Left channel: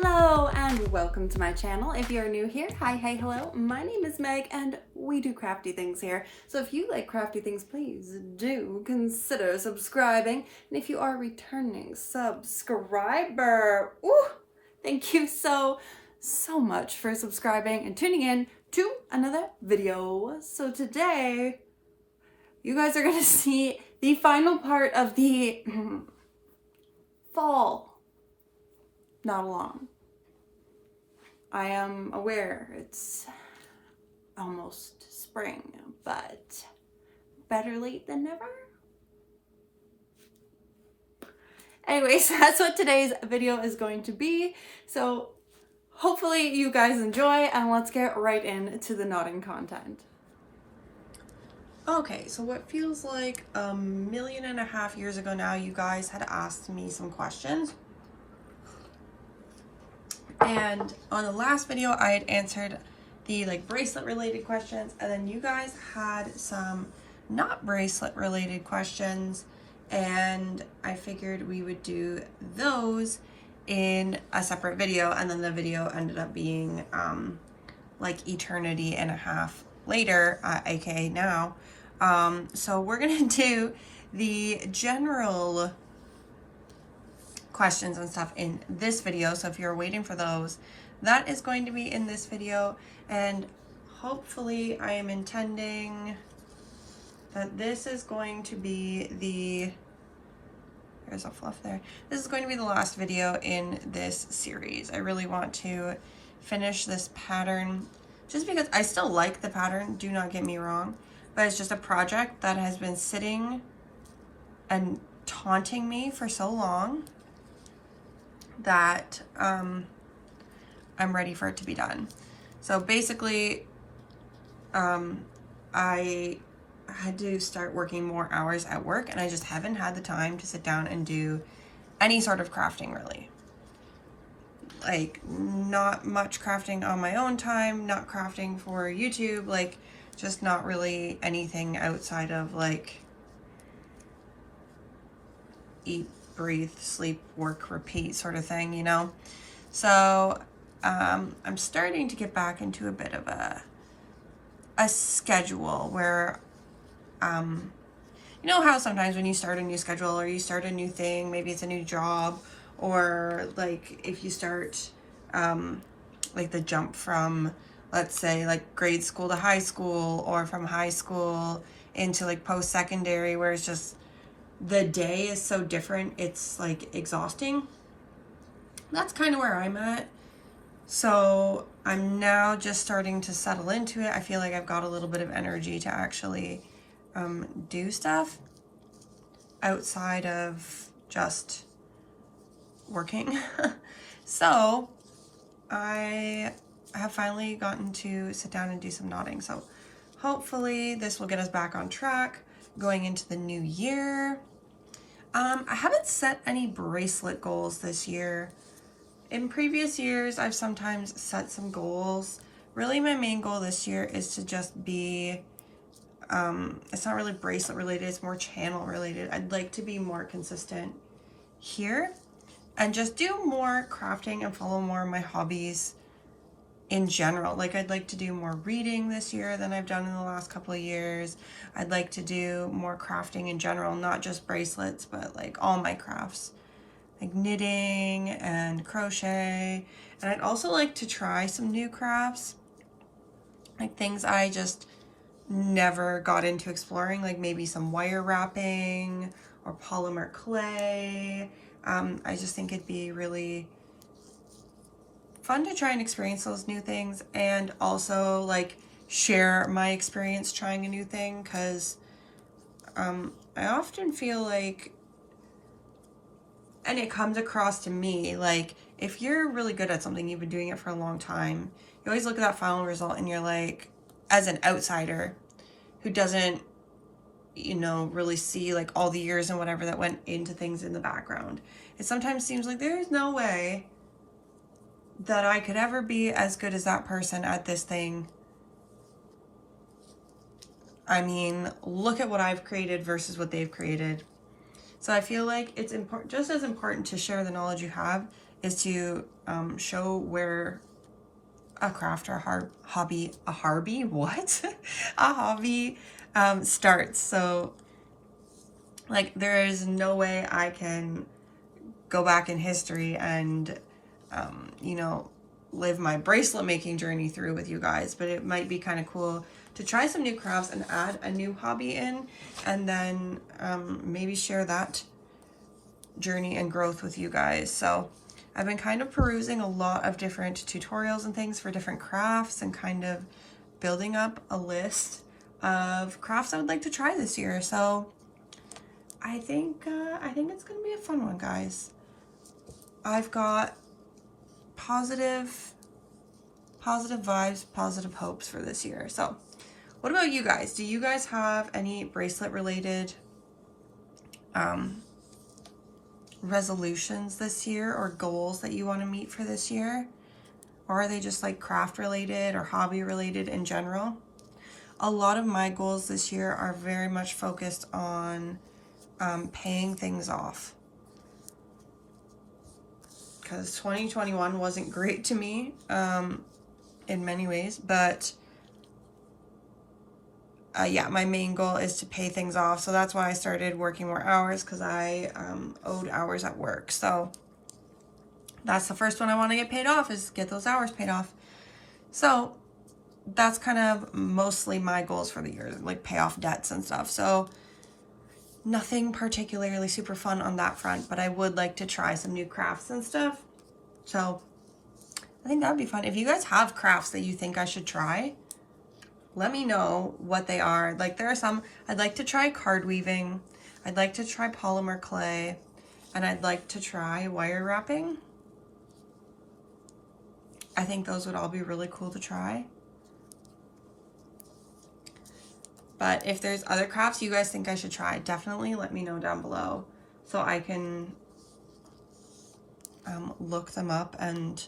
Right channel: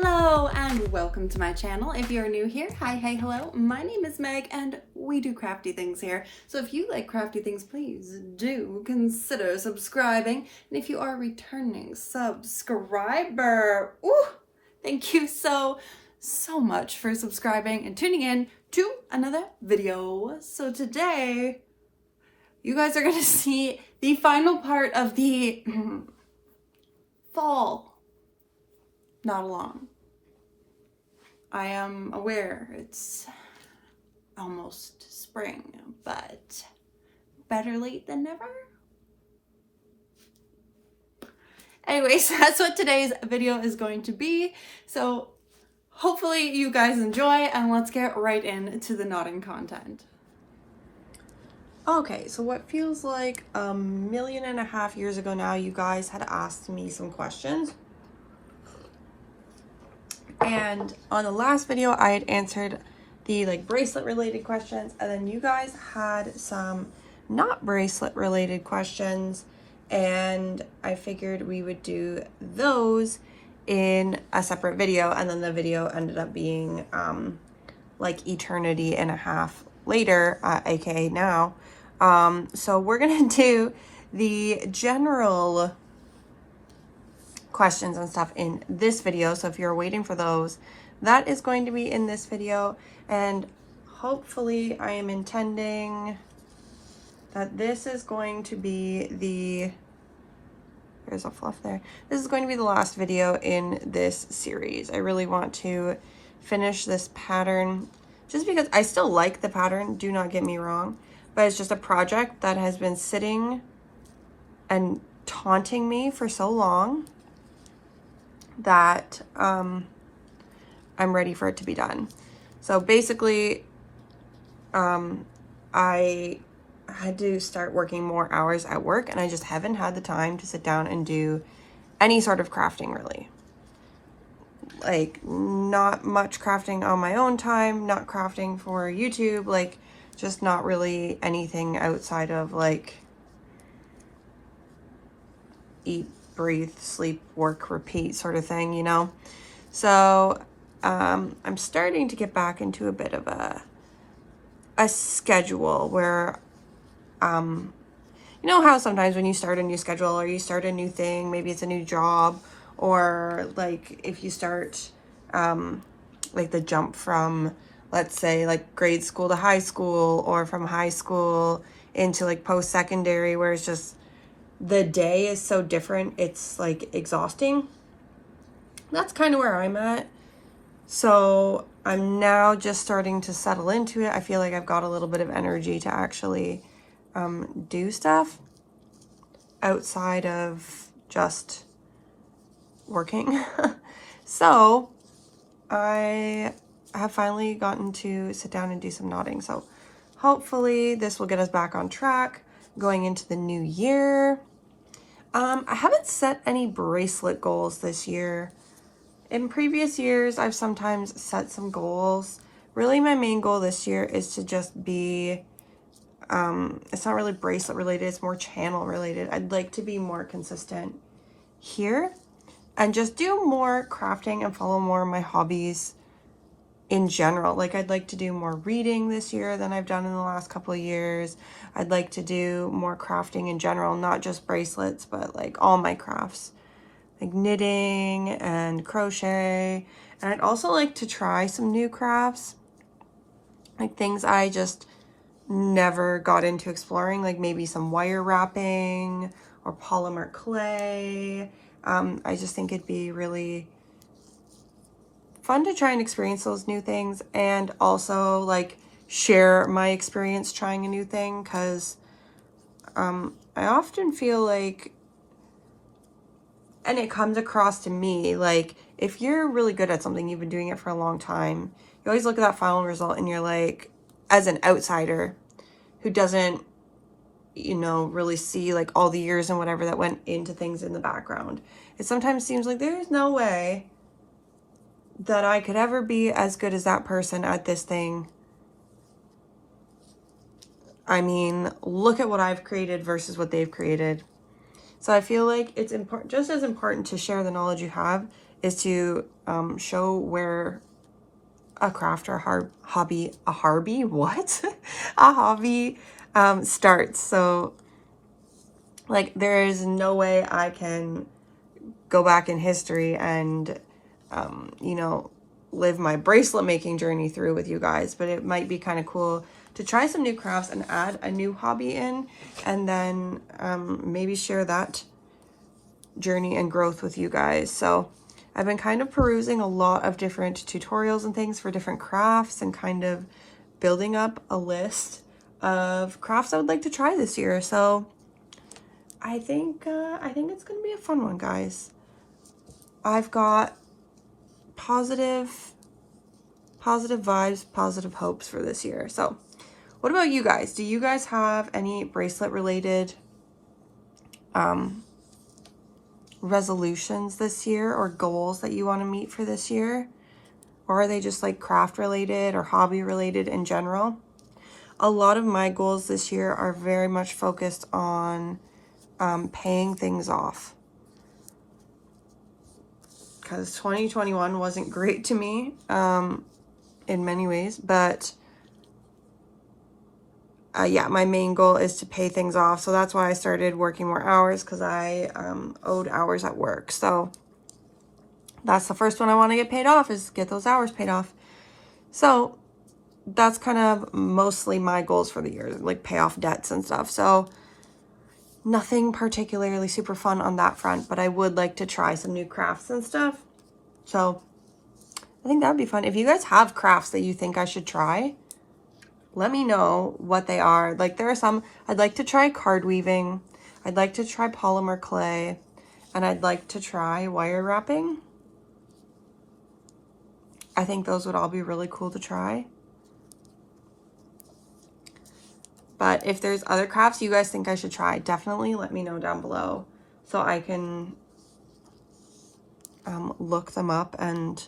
Hello and welcome to my channel. If you're new here, hi, hello. My name is Meg and we do crafty things here. So if you like crafty things, please do consider subscribing. And if you are a returning subscriber, thank you so much for subscribing and tuning in to another video. So today, you guys are gonna see the final part of the fall. Not along. I am aware it's almost spring, but better late than never. Anyways, that's what today's video is going to be. So hopefully you guys enjoy, and let's get right into the knotting content. Okay, so what feels like 1.5 million years ago now, you guys had asked me some questions. And on the last video, I had answered the bracelet related questions, and then you guys had some not bracelet related questions, and I figured we would do those in a separate video, and then the video ended up being eternity and a half later, aka now. So we're gonna do the general questions and stuff in this video. So if you're waiting for those, that is going to be in this video, and hopefully I am intending that this is going to be there's a fluff there. This is going to be the last video in this series. I really want to finish this pattern just because I still like the pattern, do not get me wrong, but it's just a project that has been sitting and taunting me for so long that I'm ready for it to be done. So basically, I had to start working more hours at work, and I just haven't had the time to sit down and do any sort of crafting, really. Not much crafting on my own time, not crafting for YouTube, just not really anything outside of eat, breathe, sleep, work, repeat sort of thing, you know? So I'm starting to get back into a bit of a schedule where, you know how sometimes when you start a new schedule or you start a new thing, maybe it's a new job, or if you start the jump from, let's say, grade school to high school, or from high school into post-secondary, where it's just the day is so different, it's exhausting. That's kind of where I'm at. So I'm now just starting to settle into it. I feel like I've got a little bit of energy to actually do stuff outside of just working. So I have finally gotten to sit down and do some knotting. So hopefully this will get us back on track going into the new year. I haven't set any bracelet goals this year. In previous years, I've sometimes set some goals. Really, my main goal this year is to just be, it's not really bracelet related, it's more channel related. I'd like to be more consistent here and just do more crafting and follow more of my hobbies in general. I'd like to do more reading this year than I've done in the last couple of years. I'd like to do more crafting in general, not just bracelets, but all my crafts, knitting and crochet. And I'd also like to try some new crafts, things I just never got into exploring, maybe some wire wrapping or polymer clay. I just think it'd be really fun to try and experience those new things, and also share my experience trying a new thing, because I often feel and it comes across to me, if you're really good at something, you've been doing it for a long time, you always look at that final result and you're as an outsider who doesn't, really see all the years and whatever that went into things in the background, it sometimes seems like there's no way that I could ever be as good as that person at this thing. I mean, look at what I've created versus what they've created. So I feel like it's important, just as important to share the knowledge you have, is to show where a craft or hobby starts. So like there is no way I can go back in history and you know, live my bracelet making journey through with you guys, but it might be kind of cool to try some new crafts and add a new hobby in, and then maybe share that journey and growth with you guys. So I've been kind of perusing a lot of different tutorials and things for different crafts and kind of building up a list of crafts I would like to try this year. So I think it's gonna be a fun one, guys. I've got positive vibes, positive hopes for this year. So what about you guys? Do you guys have any bracelet related resolutions this year or goals that you want to meet for this year? Or are they just like craft related or hobby related in general? A lot of my goals this year are very much focused on paying things off, because 2021 wasn't great to me in many ways, but yeah, my main goal is to pay things off. So that's why I started working more hours, because I owed hours at work. So that's the first one I want to get paid off, is get those hours paid off. So that's kind of mostly my goals for the year, like pay off debts and stuff. So nothing particularly super fun on that front, but I would like to try some new crafts and stuff. So I think that would be fun. If you guys have crafts that you think I should try, let me know what they are. Like there are some, I'd like to try card weaving. I'd like to try polymer clay, and I'd like to try wire wrapping. I think those would all be really cool to try. But if there's other crafts you guys think I should try, definitely let me know down below so I can look them up and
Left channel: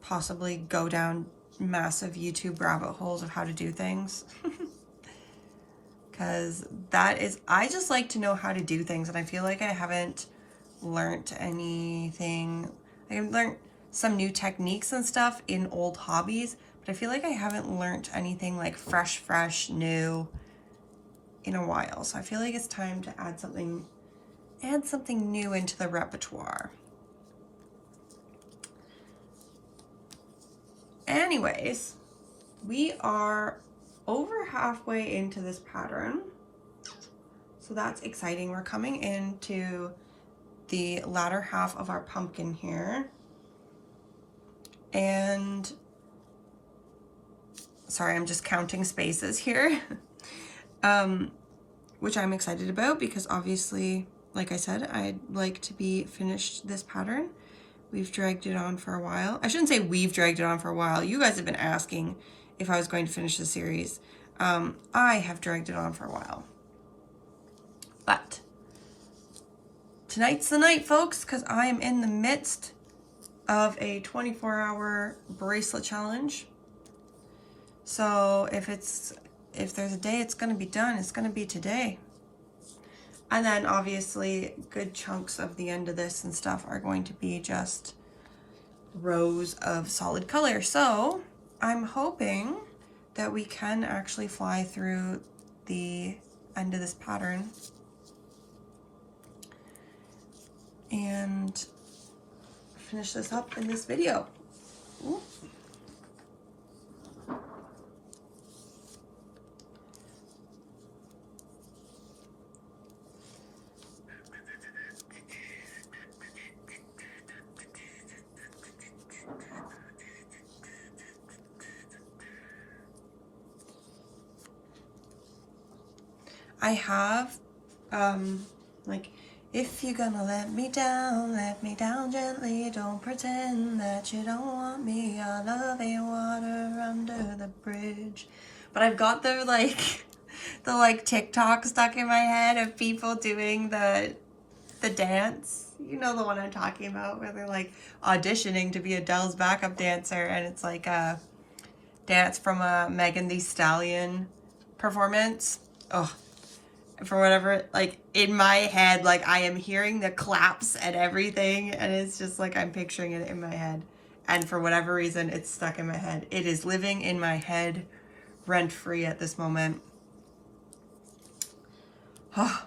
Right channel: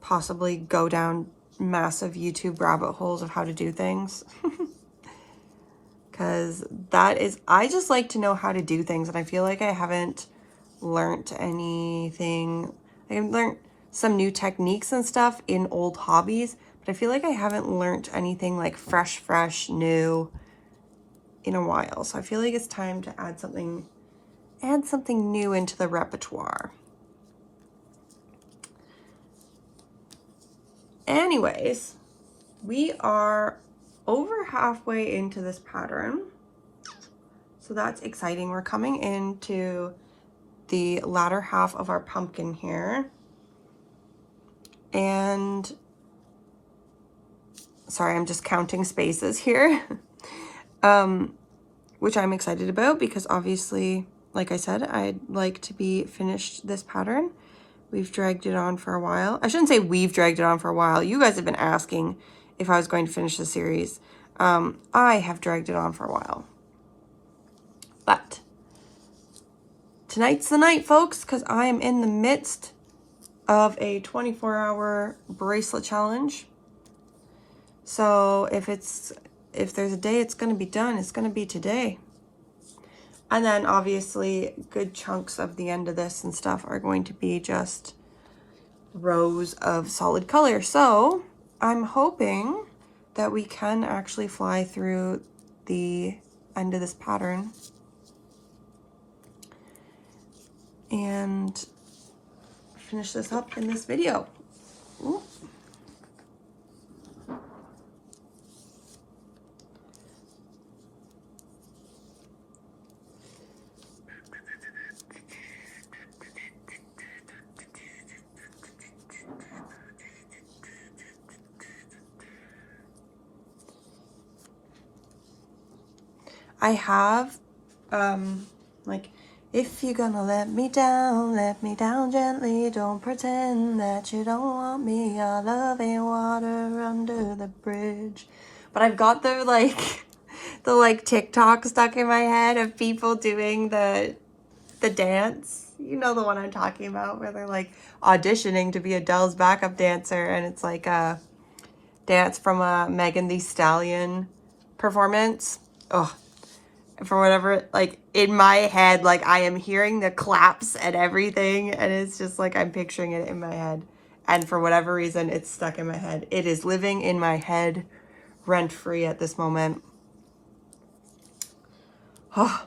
possibly go down massive YouTube rabbit holes of how to do things. Because I just like to know how to do things, and I feel like I haven't learned anything. I've learned some new techniques and stuff in old hobbies, but I feel like I haven't learned anything like fresh, new in a while. So I feel like it's time to add something new into the repertoire. Anyways, we are over halfway into this pattern. So that's exciting. We're coming into the latter half of our pumpkin here. And sorry, I'm just counting spaces here. Which I'm excited about, because obviously, like I said, I'd like to be finished this pattern. We've dragged it on for a while. I shouldn't say we've dragged it on for a while. You guys have been asking if I was going to finish the series. I have dragged it on for a while. But tonight's the night, folks, because I am in the midst of a 24-hour bracelet challenge. So if there's a day it's going to be done, it's going to be today. And then obviously good chunks of the end of this and stuff are going to be just rows of solid color. So I'm hoping that we can actually fly through the end of this pattern and finish this up in this video. Ooh. I have, like, if you're gonna let me down gently. Don't pretend that you don't want me. Our love ain't water under the bridge. But I've got the, like, TikTok stuck in my head of people doing the dance. You know the one I'm talking about, where they're, like, auditioning to be Adele's backup dancer. And it's, like, a dance from a Megan Thee Stallion performance. Oh. for whatever, like in my head, like I am hearing the claps and everything, and it's just like I'm picturing it in my head, and for whatever reason it's stuck in my head. It is living in my head rent free at this moment. Oh.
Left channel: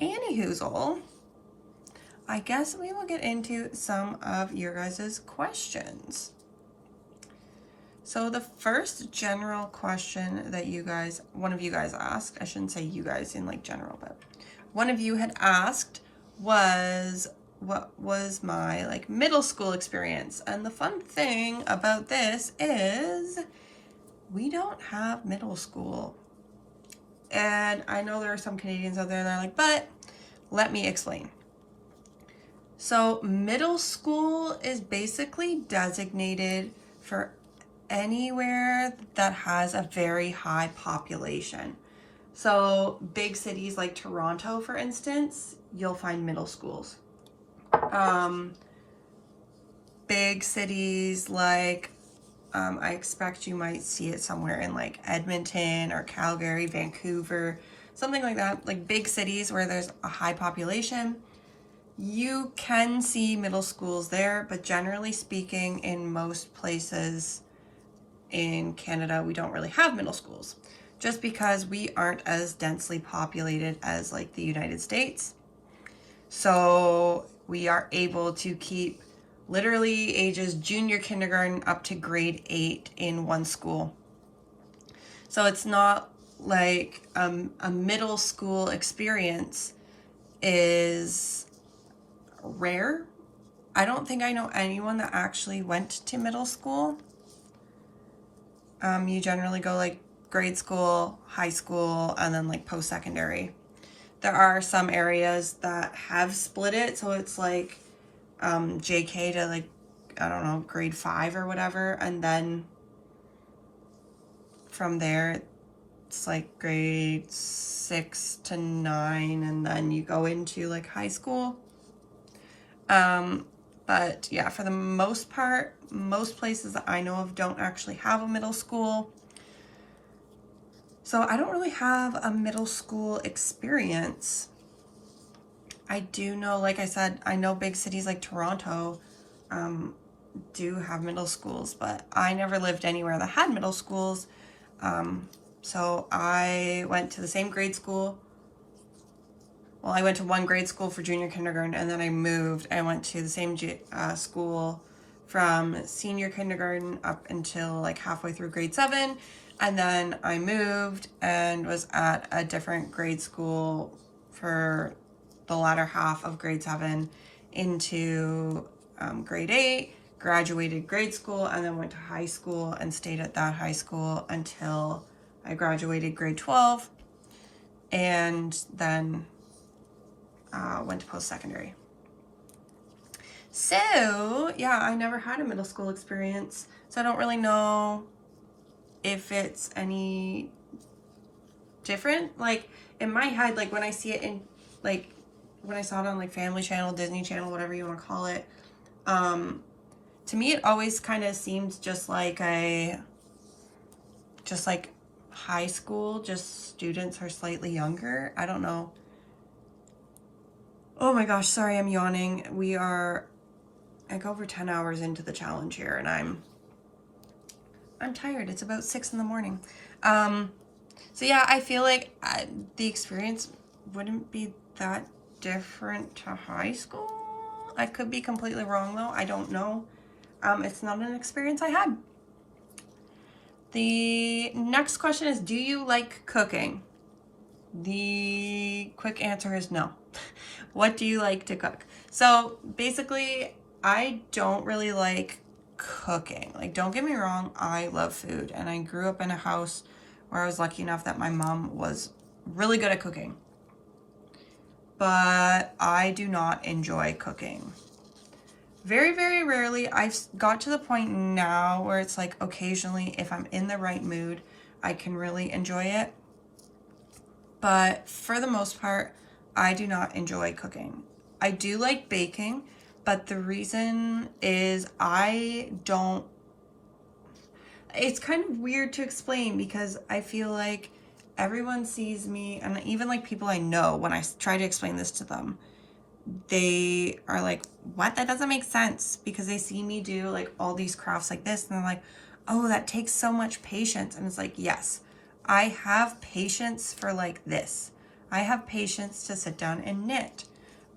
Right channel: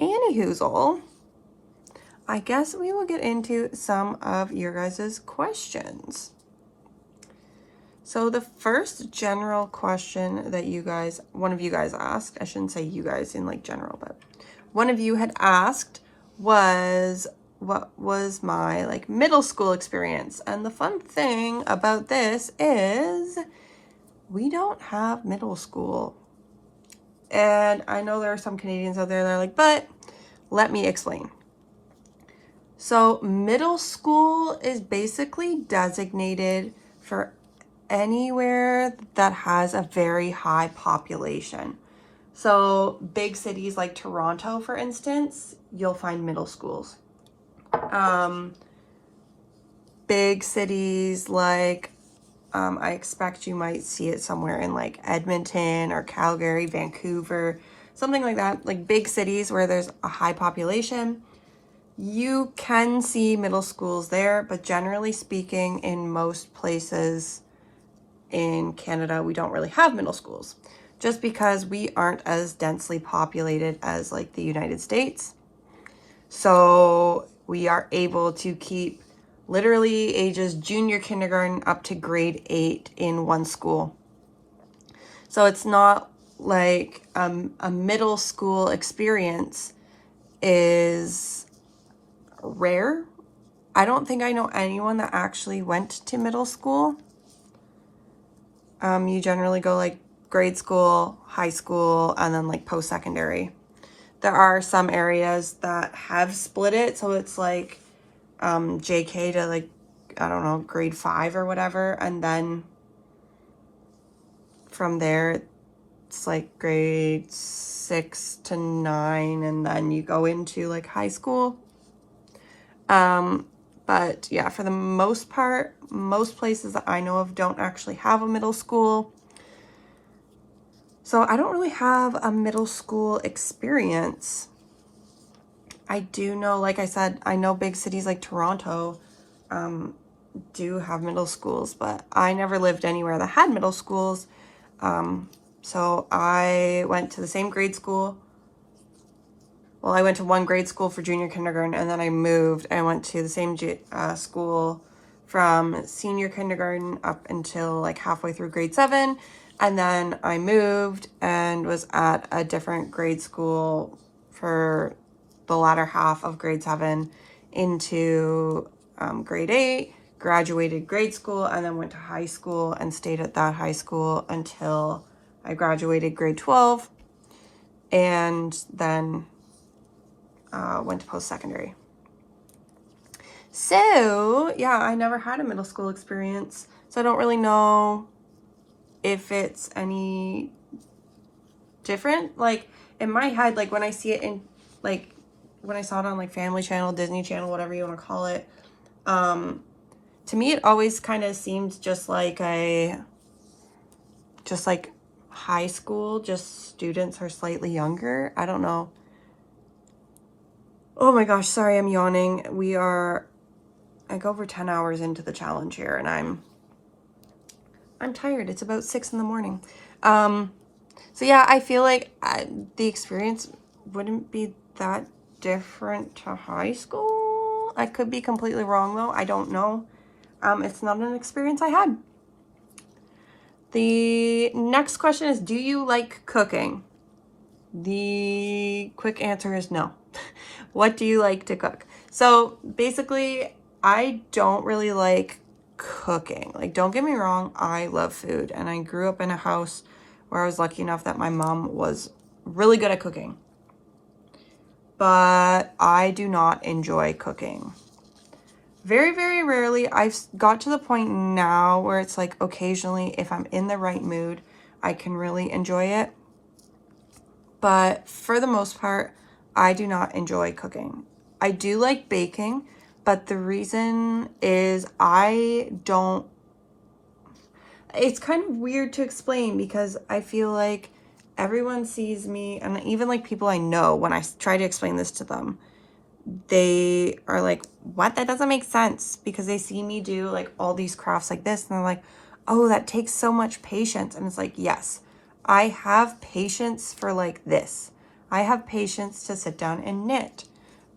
Anywhoozle, I guess we will get into some of your guys' questions. So the first general question that one of you guys asked, I shouldn't say you guys in like general, but one of you had asked was, what was my like middle school experience? And the fun thing about this is we don't have middle school. And I know there are some Canadians out there that are like, but let me explain. So middle school is basically designated for anywhere that has a very high population. So big cities like Toronto, for instance, you'll find middle schools. Big cities like, I expect you might see it somewhere in like Edmonton or Calgary, Vancouver, something like that. Like big cities where there's a high population, you can see middle schools there, but generally speaking, in most places in Canada, we don't really have middle schools just because we aren't as densely populated as like the United States. So we are able to keep literally ages junior kindergarten up to grade 8 in one school. So it's not like a middle school experience is rare. I don't think I know anyone that actually went to middle school. You generally go like grade school, high school, and then like post-secondary. There are some areas that have split it, so it's like JK to like, I don't know, grade 5 or whatever, and then from there it's like grade 6 to 9, and then you go into like high school. But yeah, for the most part, most places that I know of don't actually have a middle school. So I don't really have a middle school experience. I do know, like I said, I know big cities like Toronto do have middle schools, but I never lived anywhere that had middle schools. So I went to the same grade school. Well, I went to one grade school for junior kindergarten, and then I moved. I went to the same school from senior kindergarten up until like halfway through grade 7. And then I moved and was at a different grade school for the latter half of grade 7 into grade 8, graduated grade school, and then went to high school and stayed at that high school until I graduated grade 12, and then went to post-secondary. So yeah, I never had a middle school experience, so I don't really know if it's any different. Like in my head, like when I see it in, like when I saw it on like Family Channel, Disney Channel, whatever you want to call it, to me it always kind of seems just like high school, just students are slightly younger. I don't know. Oh my gosh, sorry, I'm yawning. We are like over 10 hours into the challenge here, and I'm tired. It's about 6 in the morning. So yeah, I feel like the experience wouldn't be that different to high school. I could be completely wrong though. I don't know. It's not an experience I had. The next question is, do you like cooking? The quick answer is no. What do you like to cook? So basically, I don't really like cooking. Like, don't get me wrong, I love food. And I grew up in a house where I was lucky enough that my mom was really good at cooking. But I do not enjoy cooking. Very, very rarely. I've got to the point now where it's like occasionally, if I'm in the right mood, I can really enjoy it. But for the most part, I do not enjoy cooking. I do like baking, but the reason is I don't, it's kind of weird to explain because I feel like everyone sees me, and even like people I know, when I try to explain this to them, they are like, what? That doesn't make sense, because they see me do like all these crafts like this and they're like, oh, that takes so much patience. And it's like, yes, I have patience for like this. I have patience to sit down and knit,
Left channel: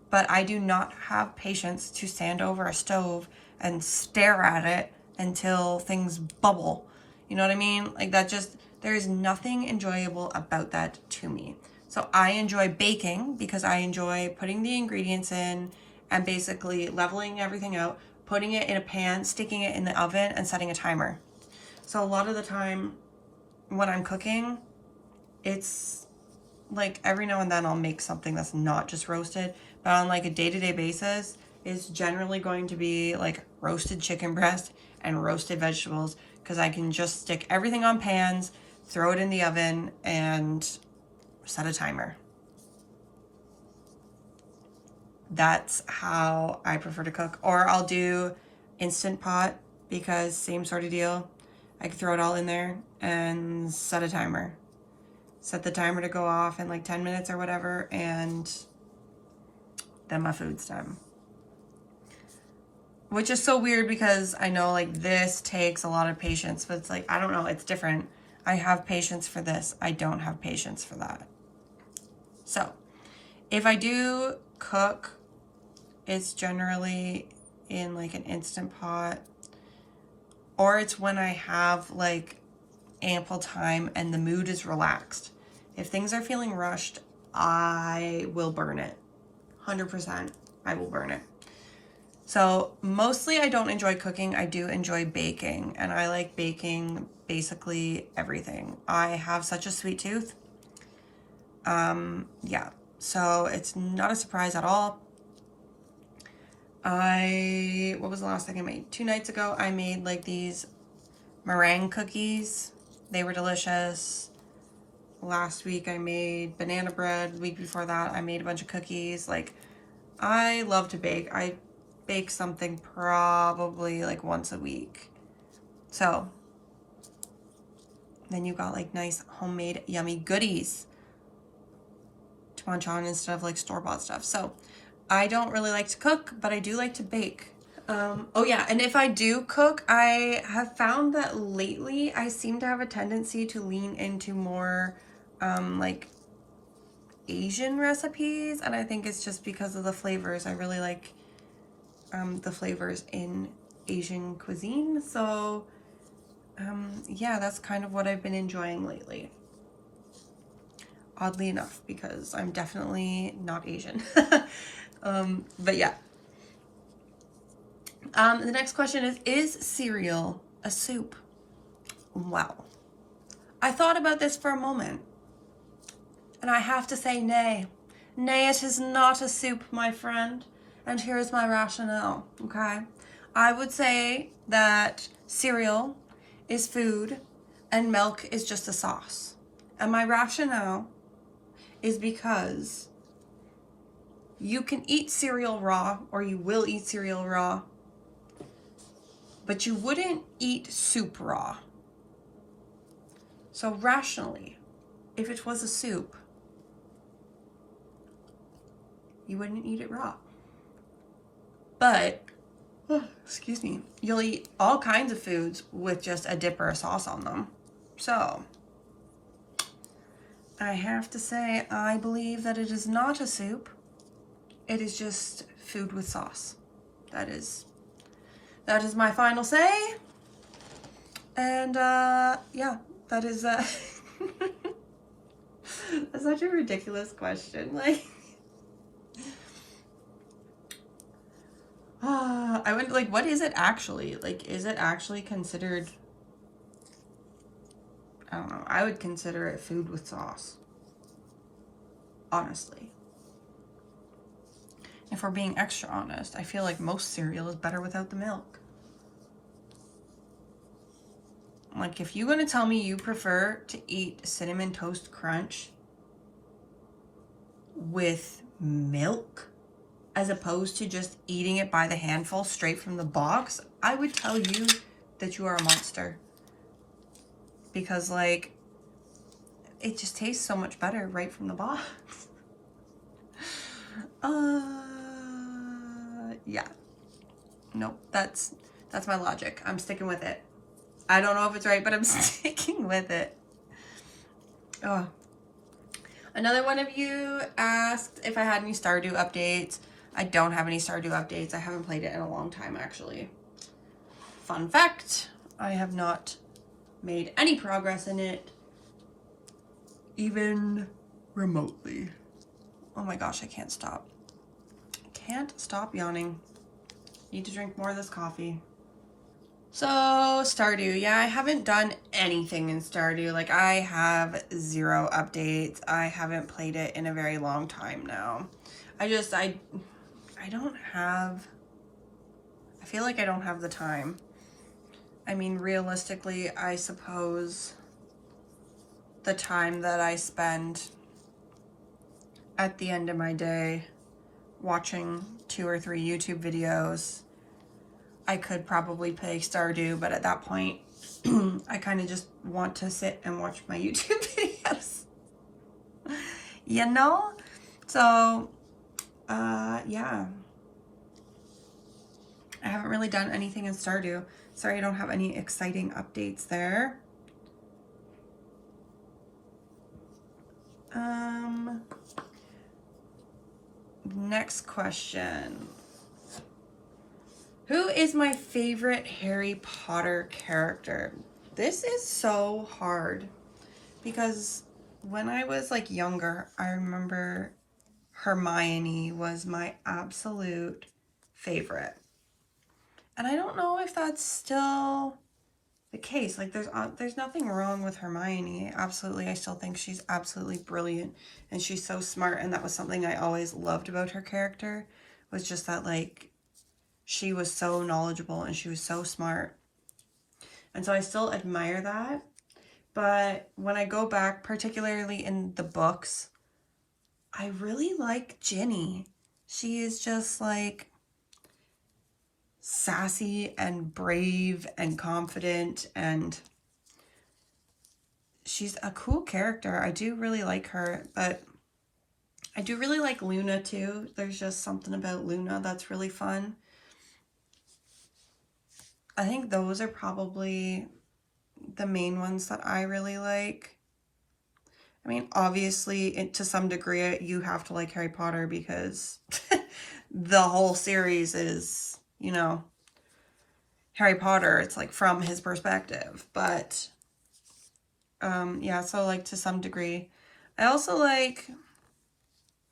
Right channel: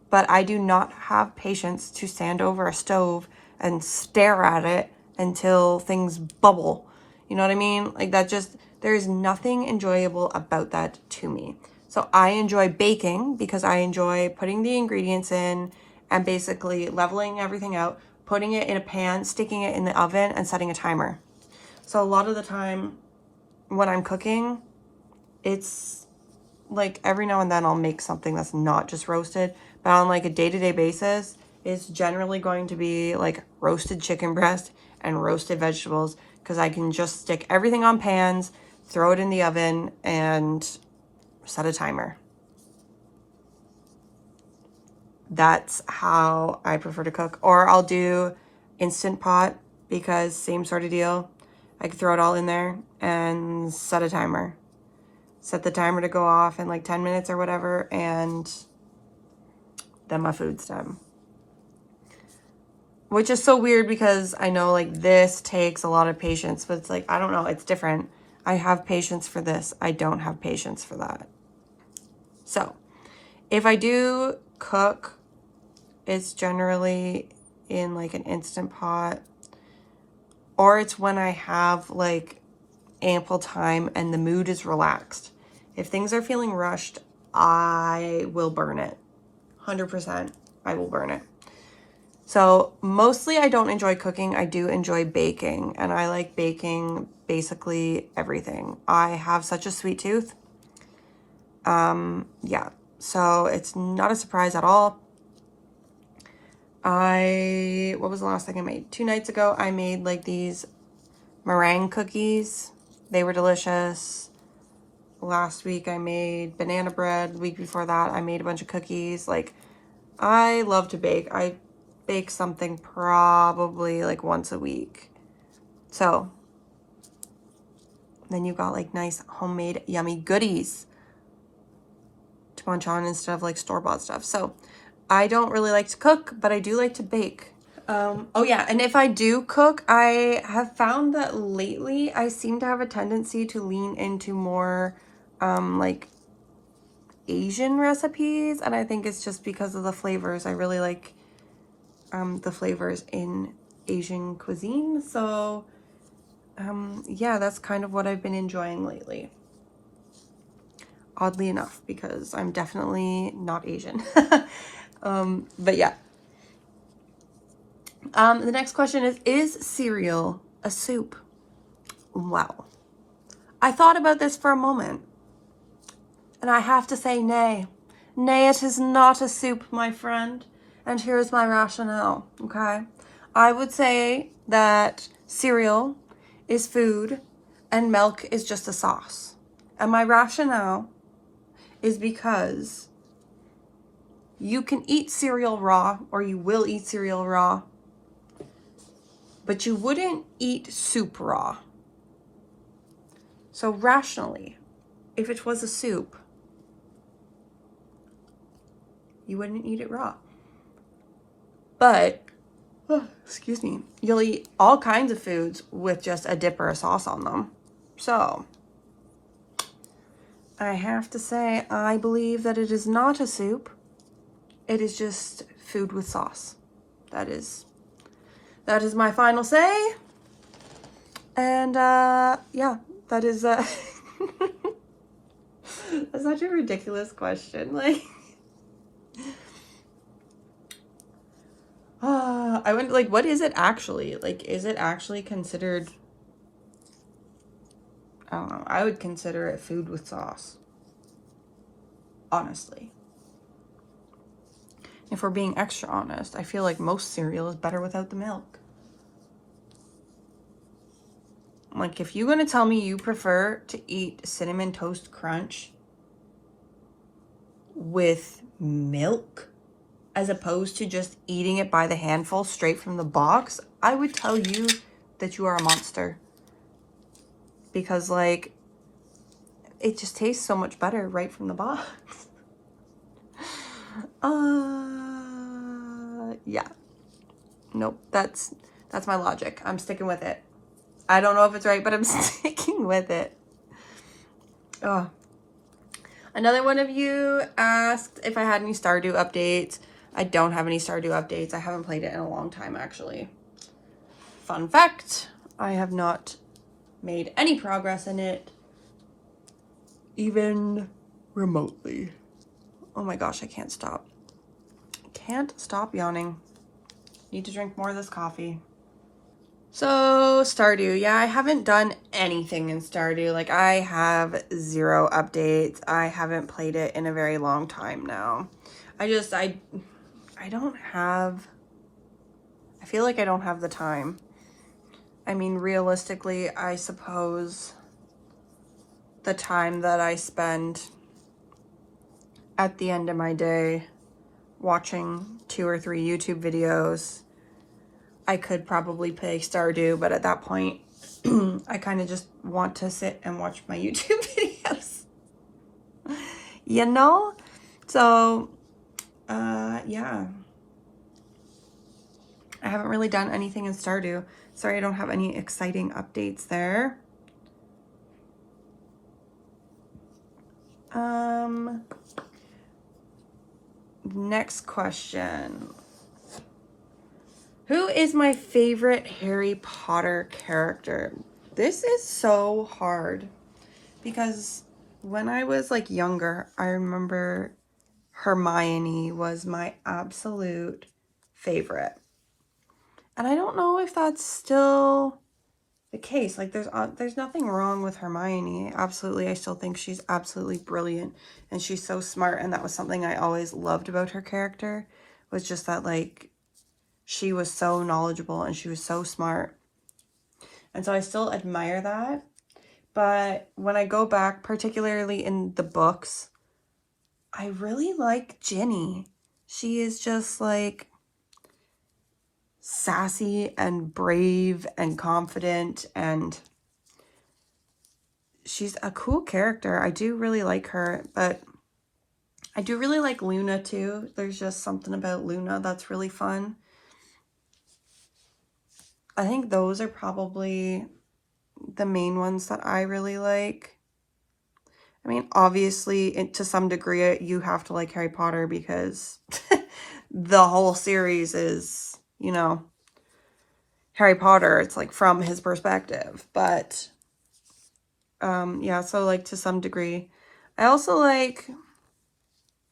but I do not have patience to stand over a stove and stare at it until things bubble. You know what I mean? Like that just, there's nothing enjoyable about that to me. So I enjoy baking because I enjoy putting the ingredients in and basically leveling everything out, putting it in a pan, sticking it in the oven, and setting a timer. So a lot of the time when I'm cooking, it's like every now and then I'll make something that's not just roasted, but on like a day-to-day basis, it's generally going to be like roasted chicken breast and roasted vegetables, because I can just stick everything on pans, throw it in the oven, and set a timer. That's how I prefer to cook. Or I'll do Instant Pot, because same sort of deal. I can throw it all in there and set a timer. Set the timer to go off in like 10 minutes or whatever, and then my food's done. Which is so weird because I know like this takes a lot of patience, but it's like, I don't know, it's different. I have patience for this. I don't have patience for that. So if I do cook, it's generally in like an Instant Pot, or it's when I have like ample time and the mood is relaxed. If things are feeling rushed, I will burn it. 100%, I will burn it. So mostly I don't enjoy cooking. I do enjoy baking, and I like baking basically everything. I have such a sweet tooth. Yeah, so it's not a surprise at all. What was the last thing I made? 2 nights ago, I made like these meringue cookies. They were delicious. Last week I made banana bread. The week before that I made a bunch of cookies. Like, I love to bake. I bake something probably like once a week. So then you got like nice homemade yummy goodies to munch on instead of like store-bought stuff. So I don't really like to cook, but I do like to bake. Oh yeah, and if I do cook, I have found that lately I seem to have a tendency to lean into more like Asian recipes, and I think it's just because of the flavors. I really like the flavors in Asian cuisine. So yeah, that's kind of what I've been enjoying lately. Oddly enough, because I'm definitely not Asian. But yeah. The next question is cereal a soup? Wow. I thought about this for a moment, and I have to say nay. Nay, it is not a soup, my friend. And here's my rationale, okay? I would say that cereal is food and milk is just a sauce. And my rationale is because you can eat cereal raw, or you will eat cereal raw, but you wouldn't eat soup raw. So rationally, if it was a soup, you wouldn't eat it raw. But, excuse me, you'll eat all kinds of foods with just a dip or a sauce on them. So I have to say, I believe that it is not a soup. It is just food with sauce. That is my final say. And yeah, that is that's such a ridiculous question. Like, I went like, what is it actually? Like, is it actually considered? I don't know. I would consider it food with sauce. Honestly. If we're being extra honest, I feel like most cereal is better without the milk. Like, if you're going to tell me you prefer to eat Cinnamon Toast Crunch with milk as opposed to just eating it by the handful straight from the box, I would tell you that you are a monster. because like it just tastes so much better right from the box. Yeah. Nope, that's my logic. I'm sticking with it. I don't know if it's right, but I'm sticking with it. Oh. Another one of you asked if I had any Stardew updates. I don't have any Stardew updates. I haven't played it in a long time, actually. Fun fact, I have not made any progress in it, even remotely. Oh my gosh, I can't stop. Can't stop yawning. Need to drink more of this coffee. So, Stardew. Yeah, I haven't done anything in Stardew. Like, I have 0 updates. I haven't played it in a very long time now. I don't have... I feel like I don't have the time. I mean, realistically, I suppose the time that I spend at the end of my day watching 2 or 3 YouTube videos, I could probably play Stardew, but at that point, I kind of just want to sit and watch my YouTube videos. You know? So, yeah. I haven't really done anything in Stardew. Sorry I don't have any exciting updates there. Next question. Who is my favorite Harry Potter character? This is so hard because when I was like younger, I remember Hermione was my absolute favorite. And I don't know if that's still the case. Like there's nothing wrong with Hermione. Absolutely. I still think she's absolutely brilliant and she's so smart, and that was something I always loved about her character, was just that like she was so knowledgeable and she was so smart. And so I still admire that. But when I go back, particularly in the books, I really like Ginny. She is just like sassy and brave and confident, and she's a cool character. I do really like her, but I do really like Luna too. There's just something about Luna that's really fun. I think those are probably the main ones that I really like. I mean, obviously, to some degree, you have to like Harry Potter because the whole series is, you know, Harry Potter. It's like from his perspective. But, yeah, so like to some degree. I also like,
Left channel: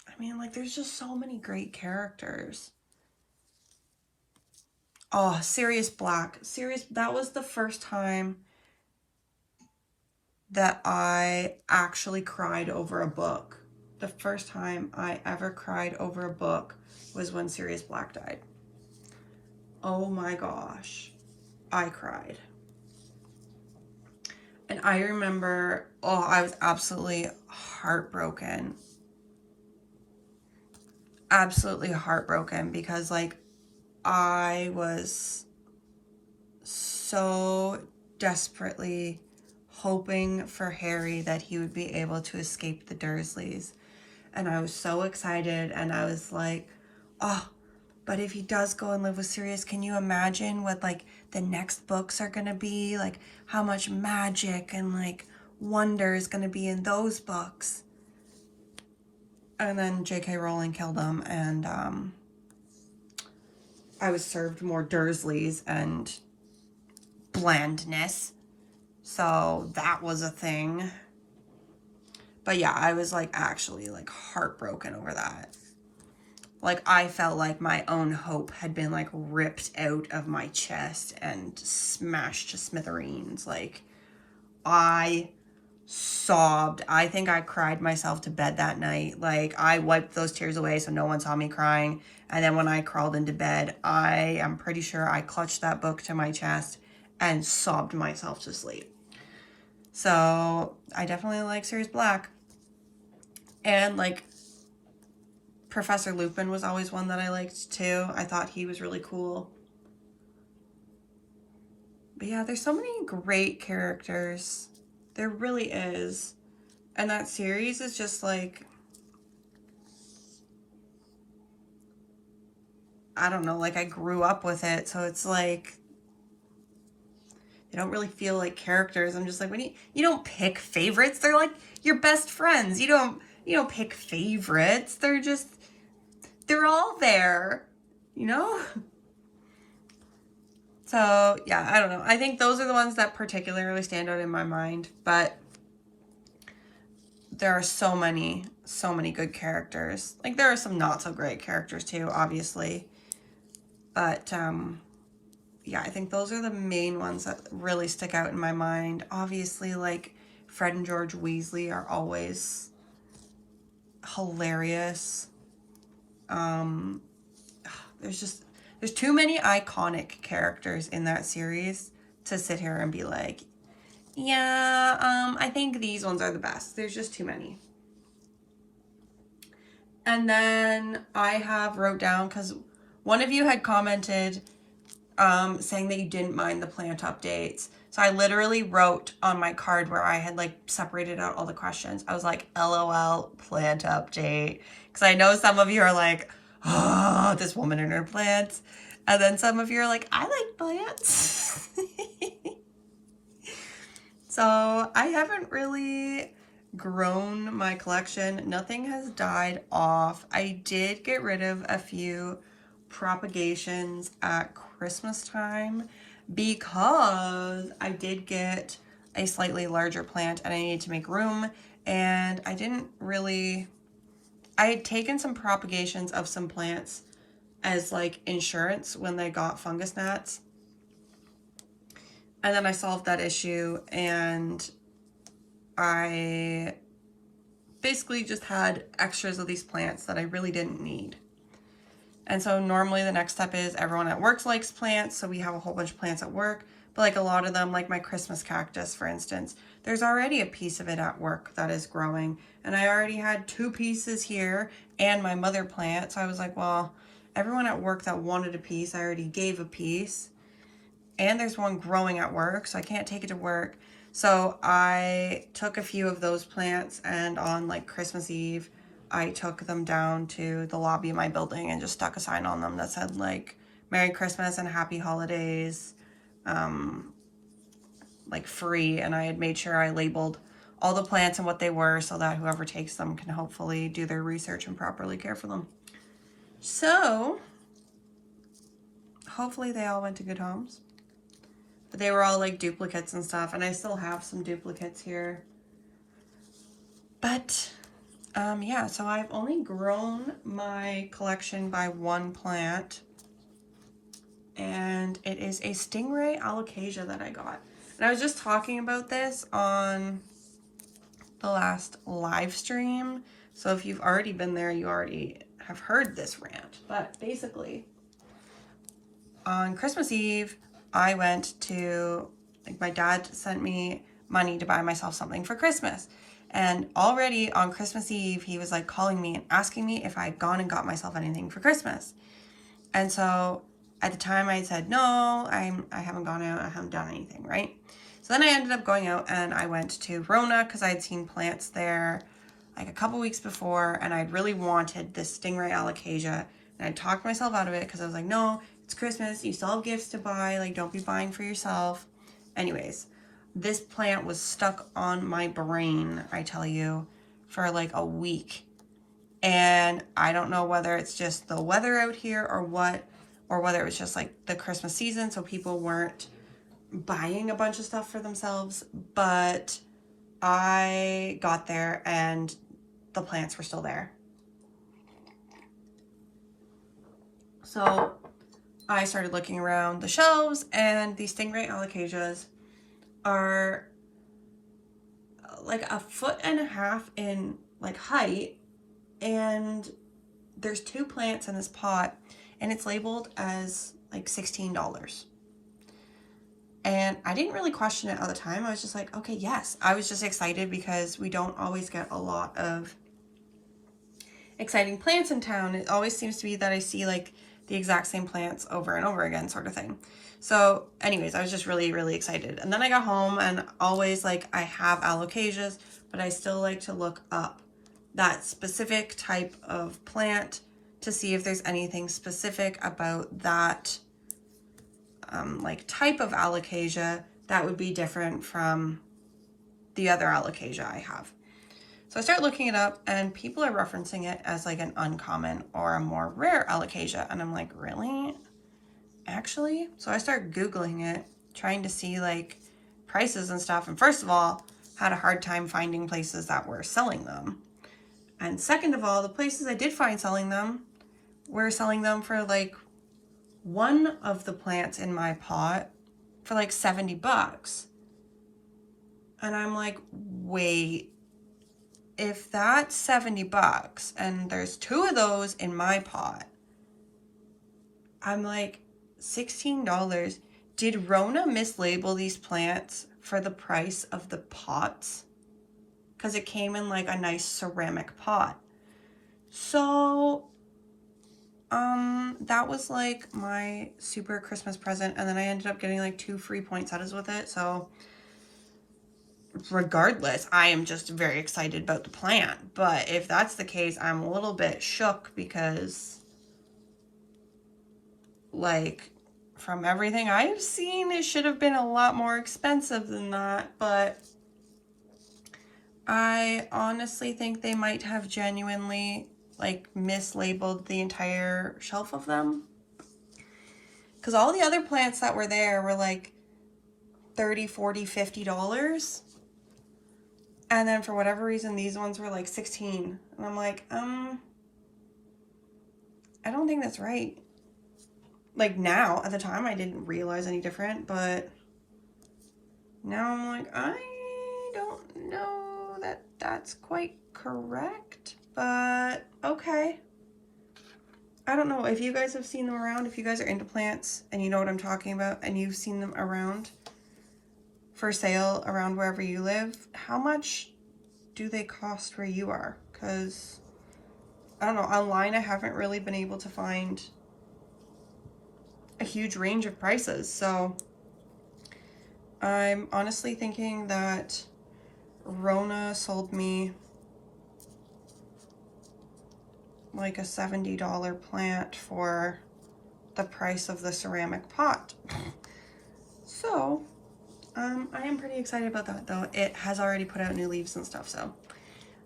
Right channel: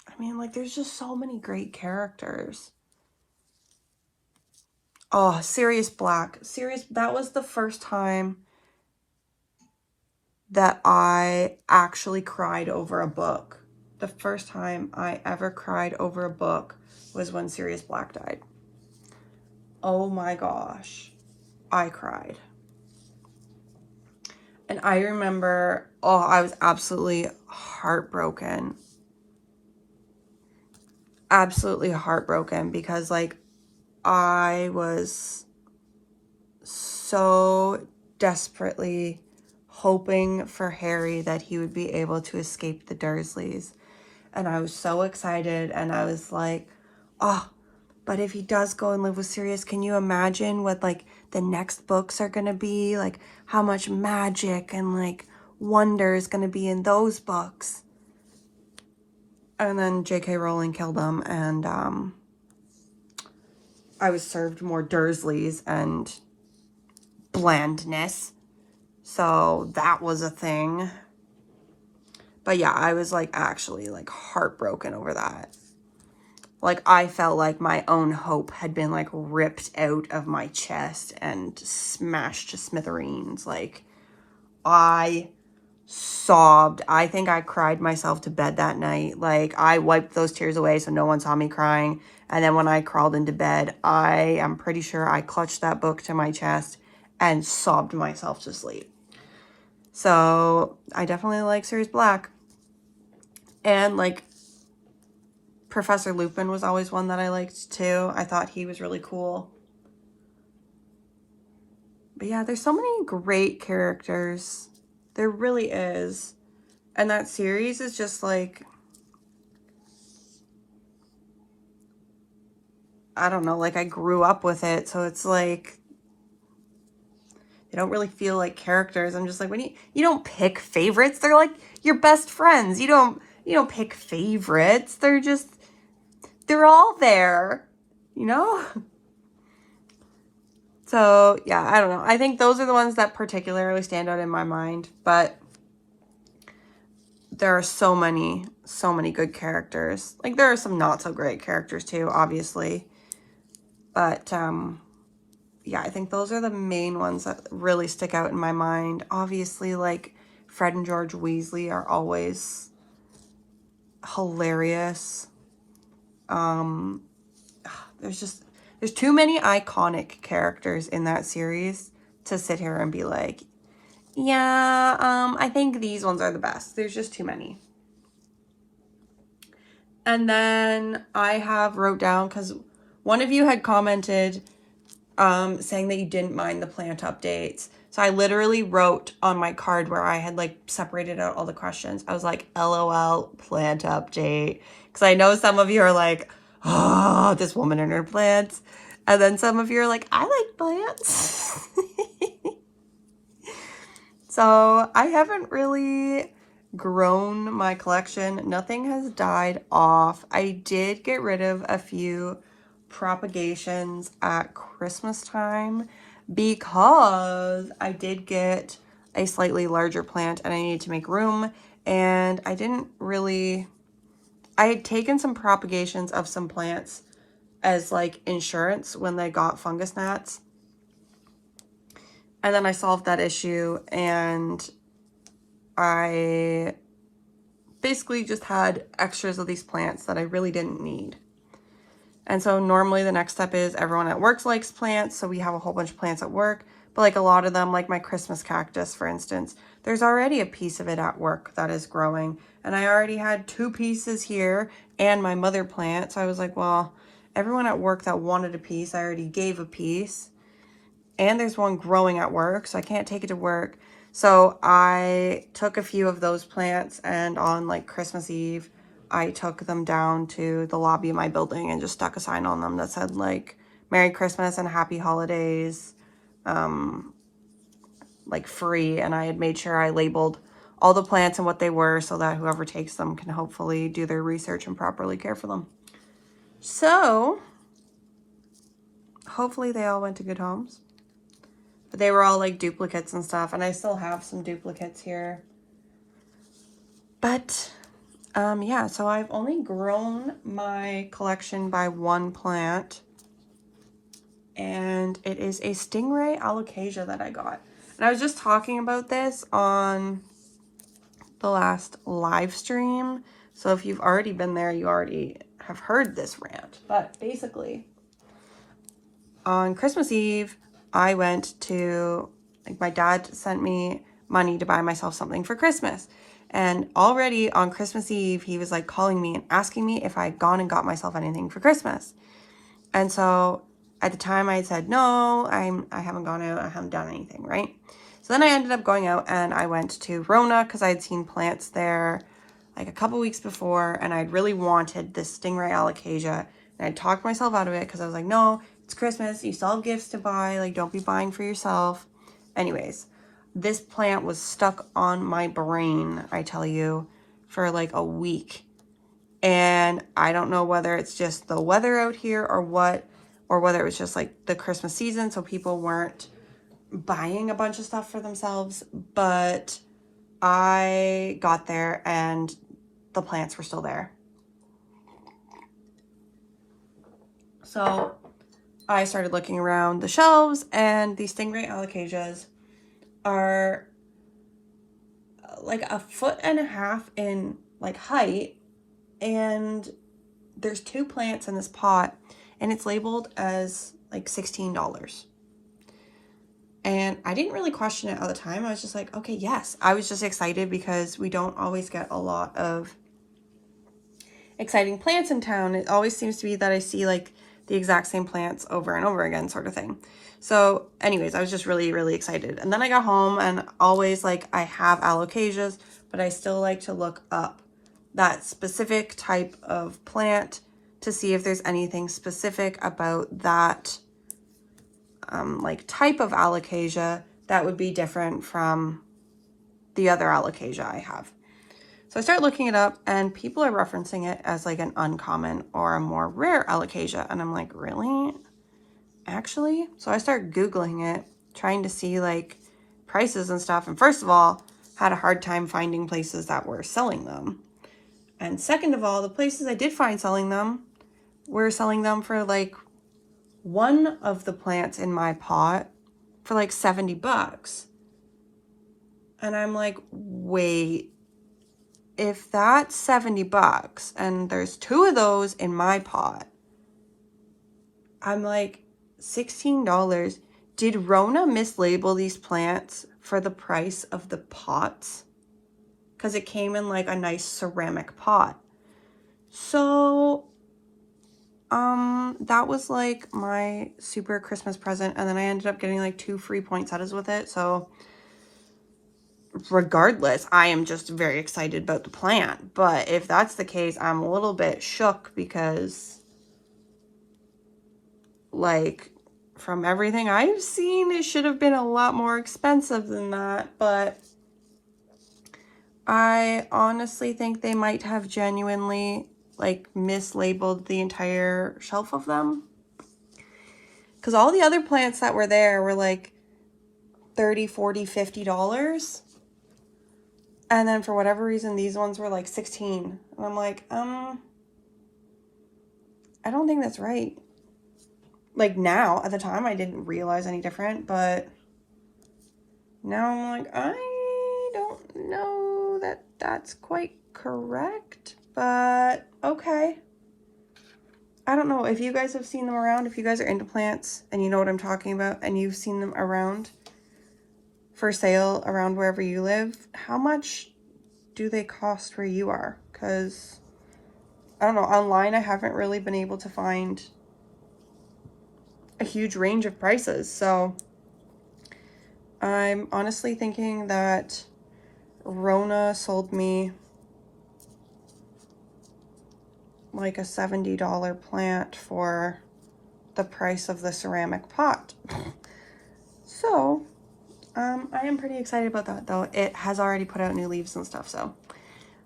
I mean, like there's just so many great characters. Oh, Sirius Black. That was the first time that I actually cried over a book. The first time I ever cried over a book was when Sirius Black died. Oh my gosh, I cried. And I remember, oh, I was absolutely heartbroken. Absolutely heartbroken because like I was so desperately hoping for Harry that he would be able to escape the Dursleys. And I was so excited, and I was like, oh, but if he does go and live with Sirius, can you imagine what like the next books are going to be? Like how much magic and like wonder is going to be in those books. And then J.K. Rowling killed him, and I was served more Dursleys and blandness. So that was a thing. But yeah, I was like actually like heartbroken over that. Like I felt like my own hope had been like ripped out of my chest and smashed to smithereens. Like I sobbed. I think I cried myself to bed that night. Like I wiped those tears away so no one saw me crying. And then when I crawled into bed, I am pretty sure I clutched that book to my chest and sobbed myself to sleep. So I definitely like Sirius Black. And like Professor Lupin was always one that I liked too. I thought he was really cool. But yeah, there's so many great characters. There really is. And that series is just like, I don't know, like I grew up with it. So it's like, I don't really feel like characters. I'm just like, when you don't pick favorites. They're like your best friends. You don't pick favorites. They're all there, you know? So yeah, I don't know. I think those are the ones that particularly stand out in my mind, but there are so many good characters. Like there are some not so great characters too, obviously. But yeah, I think those are the main ones that really stick out in my mind. Obviously, like Fred and George Weasley are always hilarious. There's too many iconic characters in that series to sit here and be like, yeah, I think these ones are the best. There's just too many. And then I have wrote down, because one of you had commented saying that you didn't mind the plant updates. So I literally wrote on my card where I had like separated out all the questions. I was like, LOL, plant update. Because I know some of you are like, oh, this woman and her plants. And then some of you are like, I like plants. So I haven't really grown my collection. Nothing has died off. I did get rid of a few propagations at Christmas time because I did get a slightly larger plant and I needed to make room, and I had taken some propagations of some plants as like insurance when they got fungus gnats. And then I solved that issue and I basically just had extras of these plants that I really didn't need. And so normally the next step is everyone at work likes plants, so we have a whole bunch of plants at work. But like a lot of them, like my Christmas cactus, for instance, there's already a piece of it at work that is growing. And I already had 2 pieces here and my mother plant. So I was like, well, everyone at work that wanted a piece, I already gave a piece. And there's one growing at work, so I can't take it to work. So I took a few of those plants, and on like Christmas Eve, I took them down to the lobby of my building and just stuck a sign on them that said like Merry Christmas and Happy Holidays, like free. And I had made sure I labeled all the plants and what they were so that whoever takes them can hopefully do their research and properly care for them. So hopefully they all went to good homes. But they were all like duplicates and stuff, and I still have some duplicates here. But yeah, so I've only grown my collection by 1 plant, and it is a stingray alocasia that I got. And I was just talking about this on the last live stream, so if you've already been there, you already have heard this rant. But basically, on Christmas Eve, I went to, like, my dad sent me money to buy myself something for Christmas. And already on Christmas Eve, he was like calling me and asking me if I had gone and got myself anything for Christmas. And so at the time I said, no, I haven't gone out, I haven't done anything, right? So then I ended up going out and I went to Rona because I had seen plants there like a couple weeks before, and I'd really wanted this stingray alocasia. And I talked myself out of it because I was like, no, it's Christmas, you still have gifts to buy, like don't be buying for yourself. Anyways, this plant was stuck on my brain, I tell you, for like a week. And I don't know whether it's just the weather out here or what, or whether it was just like the Christmas season, so people weren't buying a bunch of stuff for themselves. But I got there and the plants were still there. So I started looking around the shelves, and these stingray alocasias are like 1.5 feet in like height, and there's 2 plants in this pot, and it's labeled as like $16. And I didn't really question it at the time. I was just like, okay, yes. I was just excited because we don't always get a lot of exciting plants in town. It always seems to be that I see like the exact same plants over and over again, sort of thing. So anyways, I was just really, really excited. And then I got home, and always, like, I have alocasias, but I still like to look up that specific type of plant to see if there's anything specific about that like type of alocasia that would be different from the other alocasia I have. So I start looking it up, and people are referencing it as like an uncommon or a more rare alocasia. And I'm like, really? Actually? So I start Googling it, trying to see like prices and stuff. And first of all, had a hard time finding places that were selling them. And second of all, the places I did find selling them were selling them for like one of the plants in my pot for like $70. And I'm like, wait, if that's $70 and there's two of those in my pot, I'm like, $16. Did Rona mislabel these plants for the price of the pots? Because it came in like a nice ceramic pot. So that was like my super Christmas present, and then I ended up getting like 2 free poinsettias with it. So regardless, I am just very excited about the plant. But if that's the case, I'm a little bit shook, because like from everything I've seen, it should have been a lot more expensive than that. But I honestly think they might have genuinely like mislabeled the entire shelf of them, because all the other plants that were there were like $30, $40, $50, and then for whatever reason these ones were like $16. And I'm like, I don't think that's right. Like now, at the time I didn't realize any different, but now I'm like, I don't know that that's quite correct, but okay. I don't know if you guys have seen them around, if you guys are into plants and you know what I'm talking about and you've seen them around for sale around wherever you live. How much do they cost where you are? Because I don't know, online I haven't really been able to find a huge range of prices. So I'm honestly thinking that Rona sold me like a $70 plant for the price of the ceramic pot. So I am pretty excited about that, though. It has already put out new leaves and stuff, so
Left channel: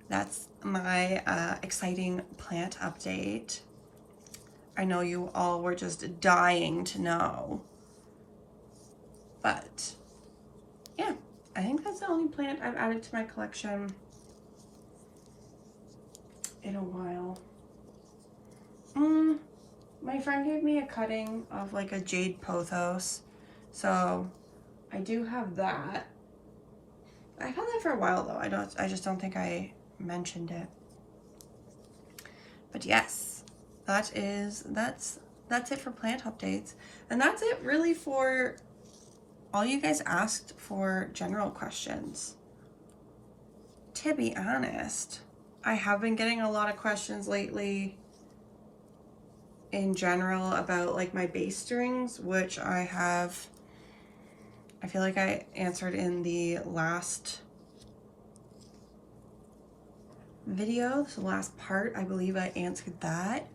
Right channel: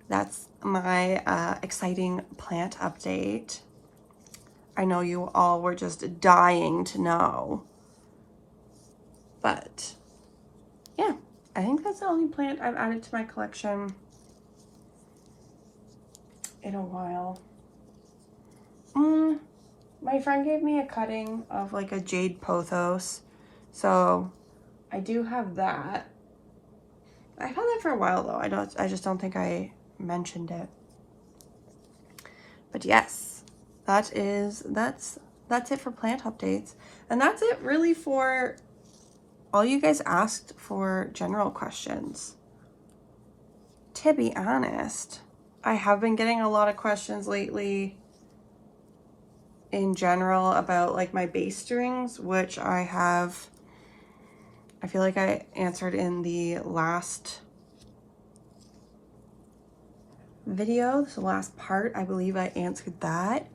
that's my exciting plant update. I know you all were just dying to know, but yeah, I think that's the only plant I've added to my collection in a while. My friend gave me a cutting of like a jade pothos, so I do have that. I've had that for a while though. I just don't think I mentioned it. But yes, that's it for plant updates. And that's it really for all you guys asked for general questions. To be honest, I have been getting a lot of questions lately in general about like my bass strings, which I feel like I answered in the last video, the last part. I believe I answered that.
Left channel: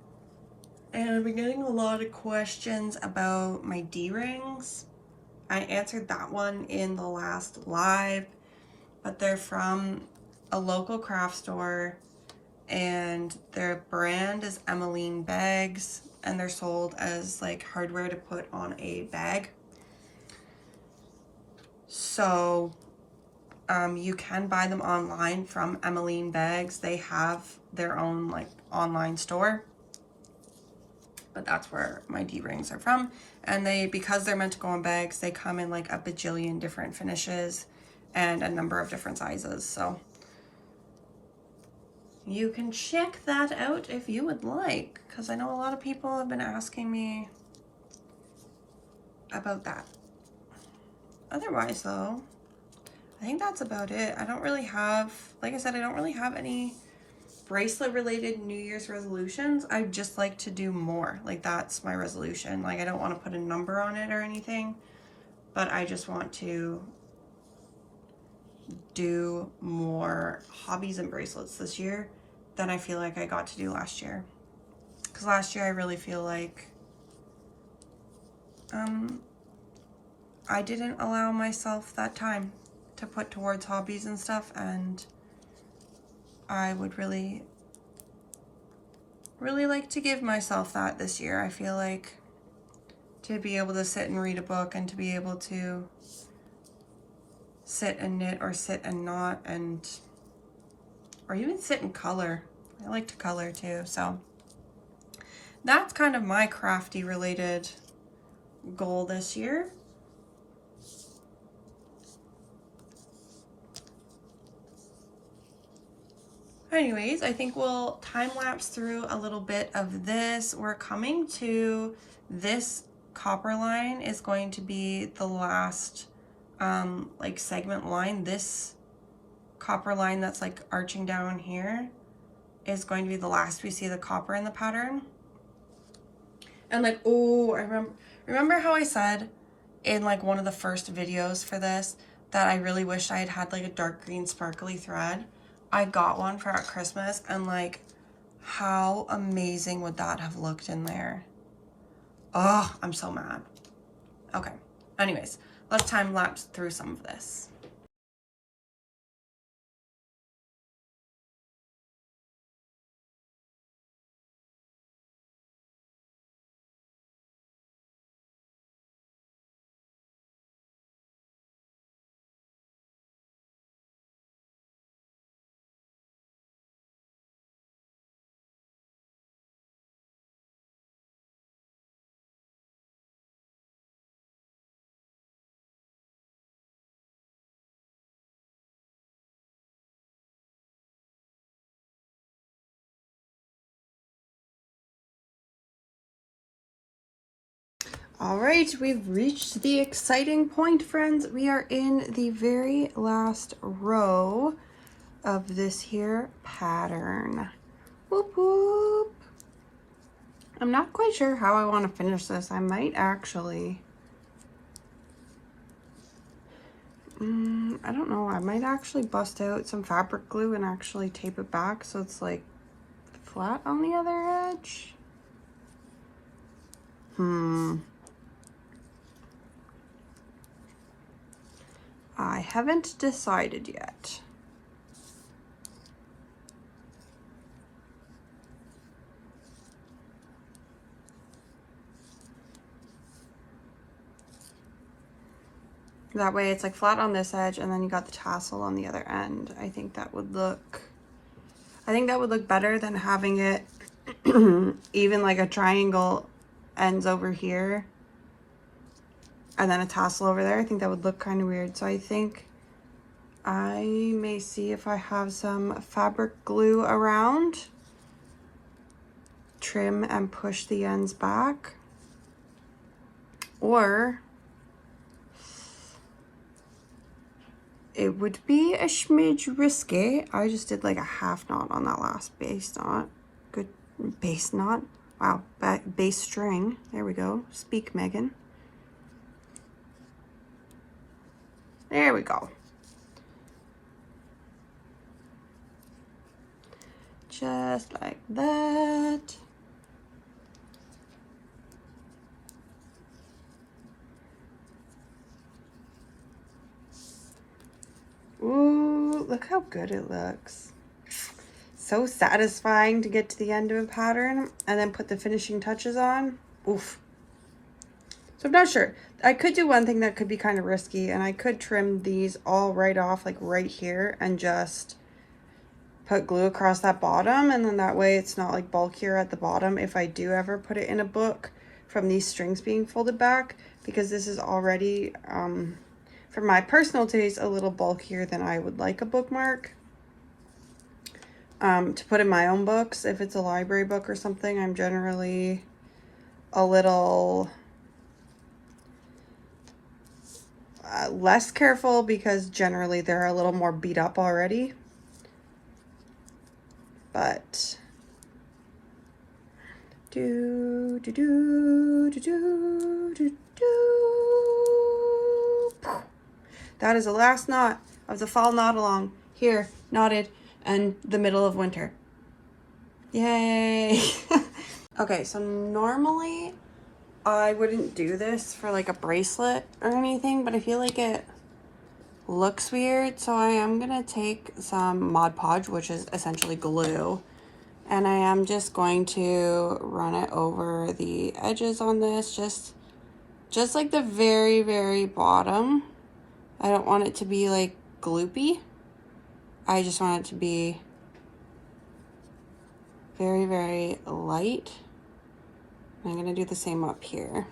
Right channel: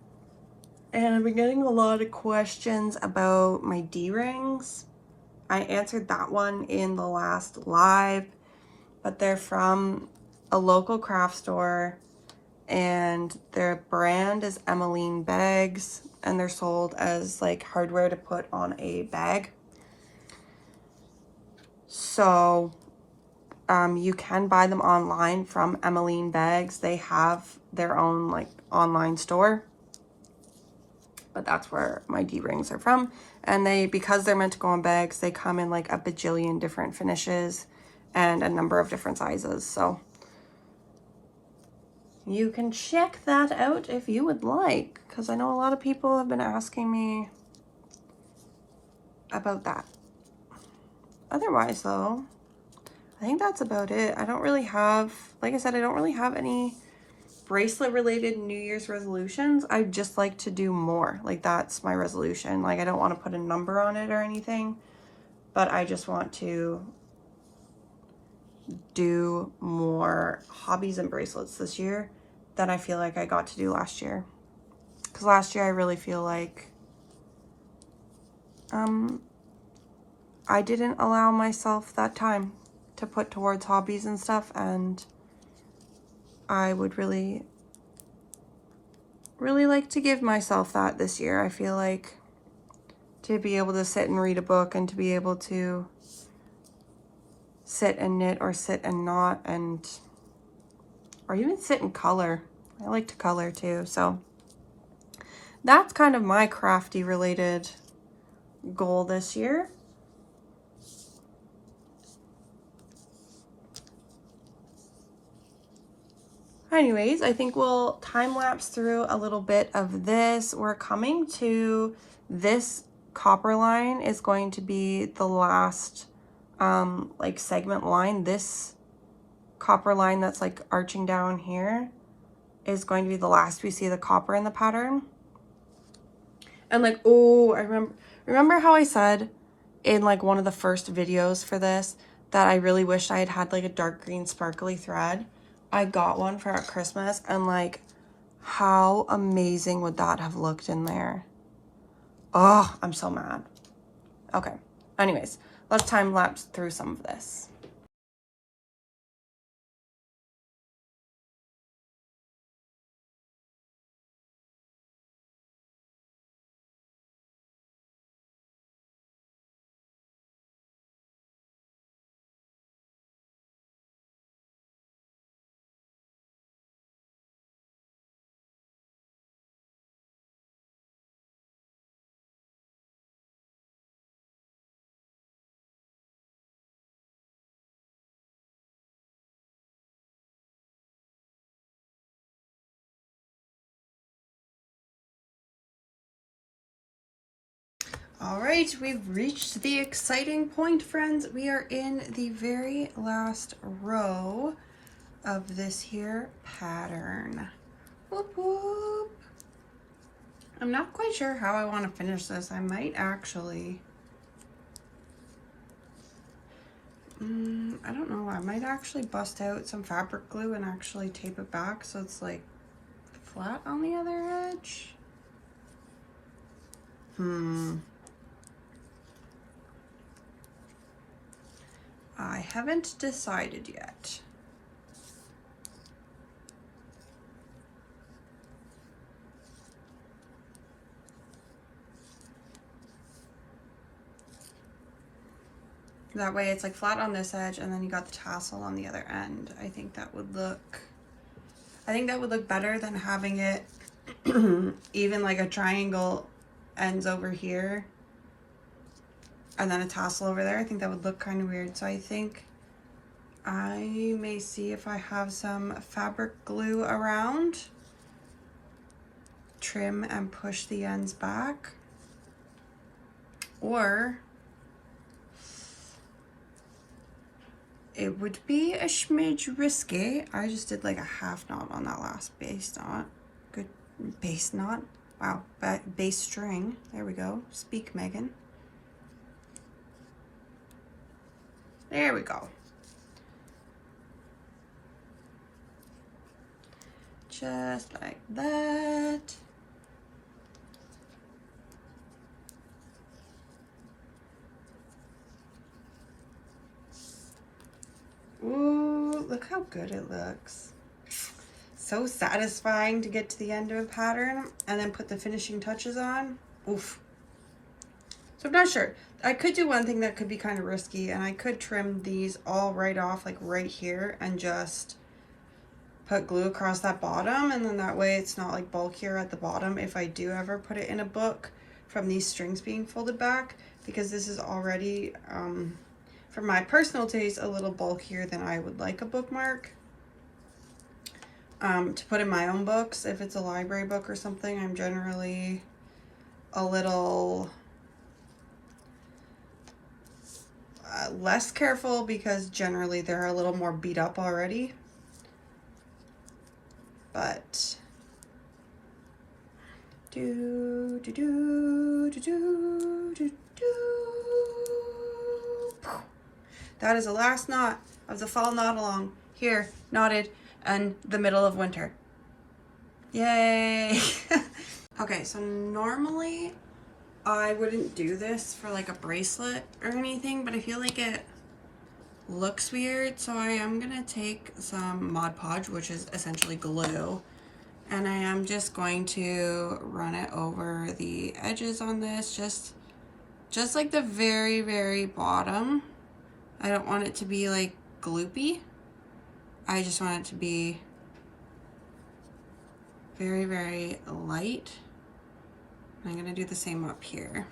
And I've been getting a lot of questions about my D-rings. I answered that one in the last live, but they're from a local craft store, and their brand is Emmeline bags, and they're sold as like hardware to put on a bag. So you can buy them online from Emmeline bags. They have their own like online store, but that's where my D-rings are from. And because they're meant to go in bags, they come in like a bajillion different finishes and a number of different sizes. So you can check that out if you would like, because I know a lot of people have been asking me about that. Otherwise though, I think that's about it. I don't really have, like I said, I don't really have any bracelet related New Year's resolutions, I just like to do more. Like that's my resolution. Like I don't want to put a number on it or anything, but I just want to do more hobbies and bracelets this year than I feel like I got to do last year. Because last year I really feel like I didn't allow myself that time to put towards hobbies and stuff, and I would really like to give myself that this year. I feel like to be able to sit and read a book and to be able to sit and knit or sit and knot and or even sit and color. I like to color too, so that's kind of my crafty related goal this year. Anyways, I think we'll time lapse through a little bit of this. We're coming to this copper line is going to be the last like segment line. This copper line that's like arching down here is going to be the last we see the copper in the pattern. And like, oh, I remember how I said in like one of the first videos for this that I really wished I had had like a dark green sparkly thread. I got one for at Christmas, and like how amazing would that have looked in there? Oh, I'm so mad. Okay, anyways, let's time lapse through some of this. All right, we've reached the exciting point, friends. We are in the very last row of this here pattern. Whoop, whoop. I'm not quite sure how I want to finish this. I might actually, I don't know. I might actually bust out some fabric glue and actually tape it back so it's like flat on the other edge. I haven't decided yet. That way it's like flat on this edge and then you got the tassel on the other end. I think that would look better than having it even like a triangle ends over here and then a tassel over there. I think that would look kind of weird. So I think I may see if I have some fabric glue around, trim and push the ends back, or it would be a smidge risky. I just did like a half knot on that last base knot. Good base knot. Wow, base string. There we go. Speak, Megan. There we go. Just like that. Ooh, look how good it looks. So satisfying to get to the end of a pattern and then put the finishing touches on. Oof. So I'm not sure. I could do one thing that could be kind of risky, and I could trim these all right off, like right here, and just put glue across that bottom, and then that way it's not like bulkier at the bottom if I do ever put it in a book from these strings being folded back, because this is already, for my personal taste, a little bulkier than I would like a bookmark. To put in my own books, if it's a library book or something, I'm generally a little less careful because generally they're a little more beat up already. But that. Do, do, do, do, do, do, do. That is the last knot of the fall knot along. Here, knotted in the middle of winter. Yay! Okay, so normally I wouldn't do this for like a bracelet or anything, but I feel like it looks weird, so I am gonna take some Mod Podge, which is essentially glue, and I am just going to run it over the edges on this, just like the very, very bottom. I don't want it to be like gloopy. I just want it to be very, very light. I'm gonna do the same up here.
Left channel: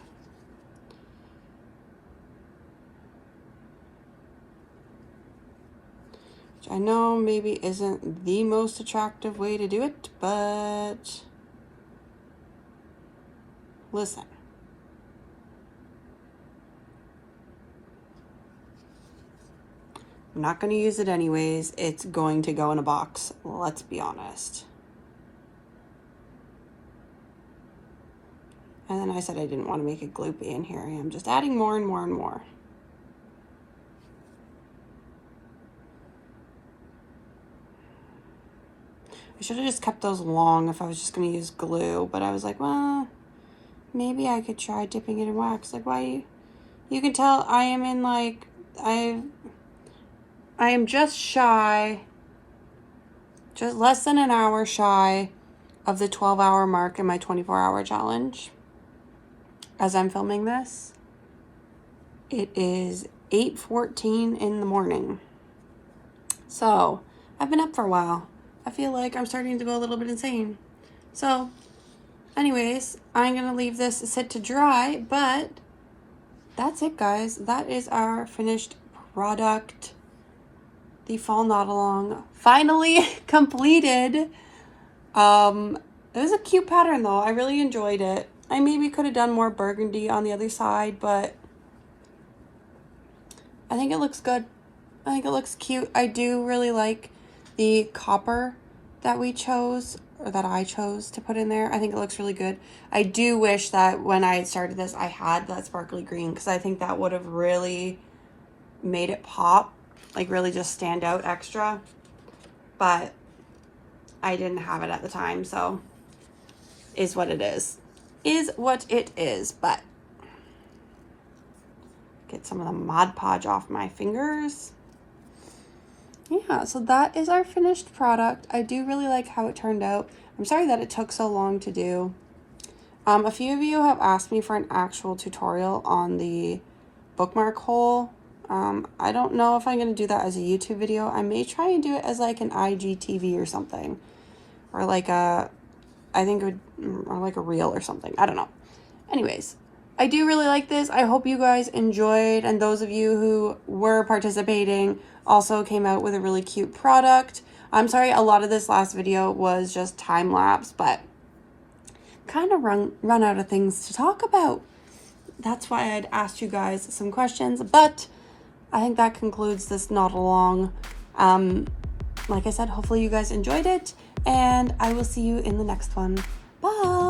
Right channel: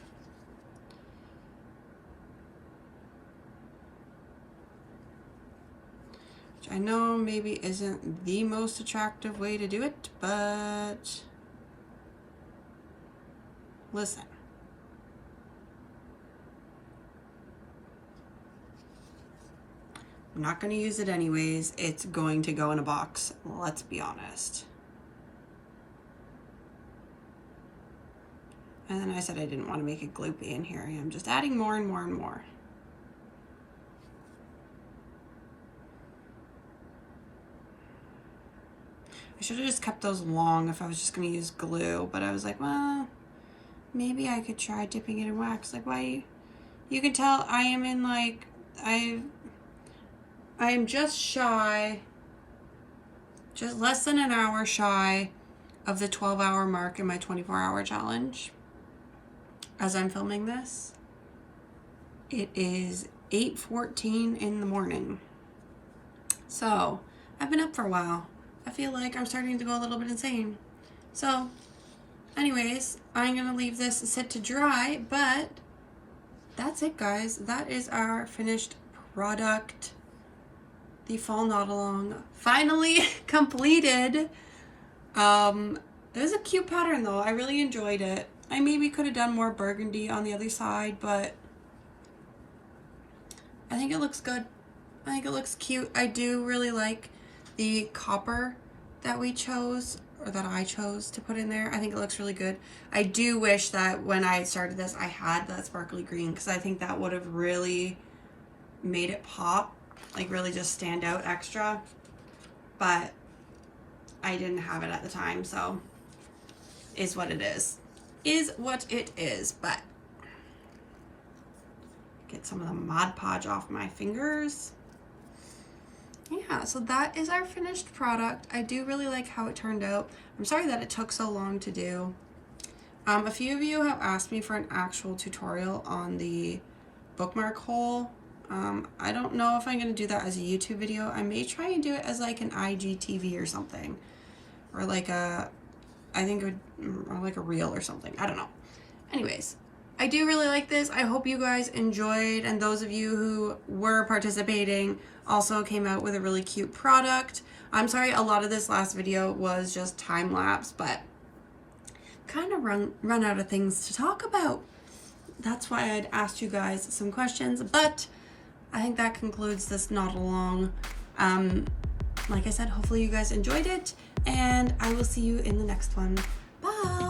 Which I know maybe isn't the most attractive way to do it, but listen. I'm not gonna use it anyways. It's going to go in a box, let's be honest. And then I said I didn't want to make it gloopy, and here I am just adding more and more and more. I should have just kept those long if I was just going to use glue, but I was like, well, maybe I could try dipping it in wax. Like, why? You can tell I am in like, I am just shy, just less than an hour shy of the 12-hour mark in my 24-hour challenge. As I'm filming this, it is 8:14 in the morning. So I've been up for a while. I feel like I'm starting to go a little bit insane. So anyways, I'm gonna leave this sit to dry, but that's it, guys. That is our finished product. The fall knot along finally completed. It was a cute pattern though. I really enjoyed it. I maybe could have done more burgundy on the other side, but I think it looks good. I think it looks cute. I do really like the copper that we chose, or that I chose to put in there. I think it looks really good. I do wish that when I started this, I had that sparkly green, because I think that would have really made it pop, like really just stand out extra. But I didn't have it at the time, so is what it is. Is what it is. But get some of the Mod Podge off my fingers. Yeah, so that is our finished product. I do really like how it turned out. I'm sorry that it took so long to do. A few of you have asked me for an actual tutorial on the bookmark hole. I don't know if I'm going to do that as a YouTube video. I may try and do it as like an IGTV or something, or like a, I think it would, or like a reel or something. I don't know. Anyways, I do really like this. I hope you guys enjoyed, and those of you who were participating also came out with a really cute product. I'm sorry, a lot of this last video was just time lapse, but kind of run out of things to talk about. That's why I'd asked you guys some questions, but I think that concludes this knot along. Like I said, hopefully you guys enjoyed it, and I will see you in the next one. Bye!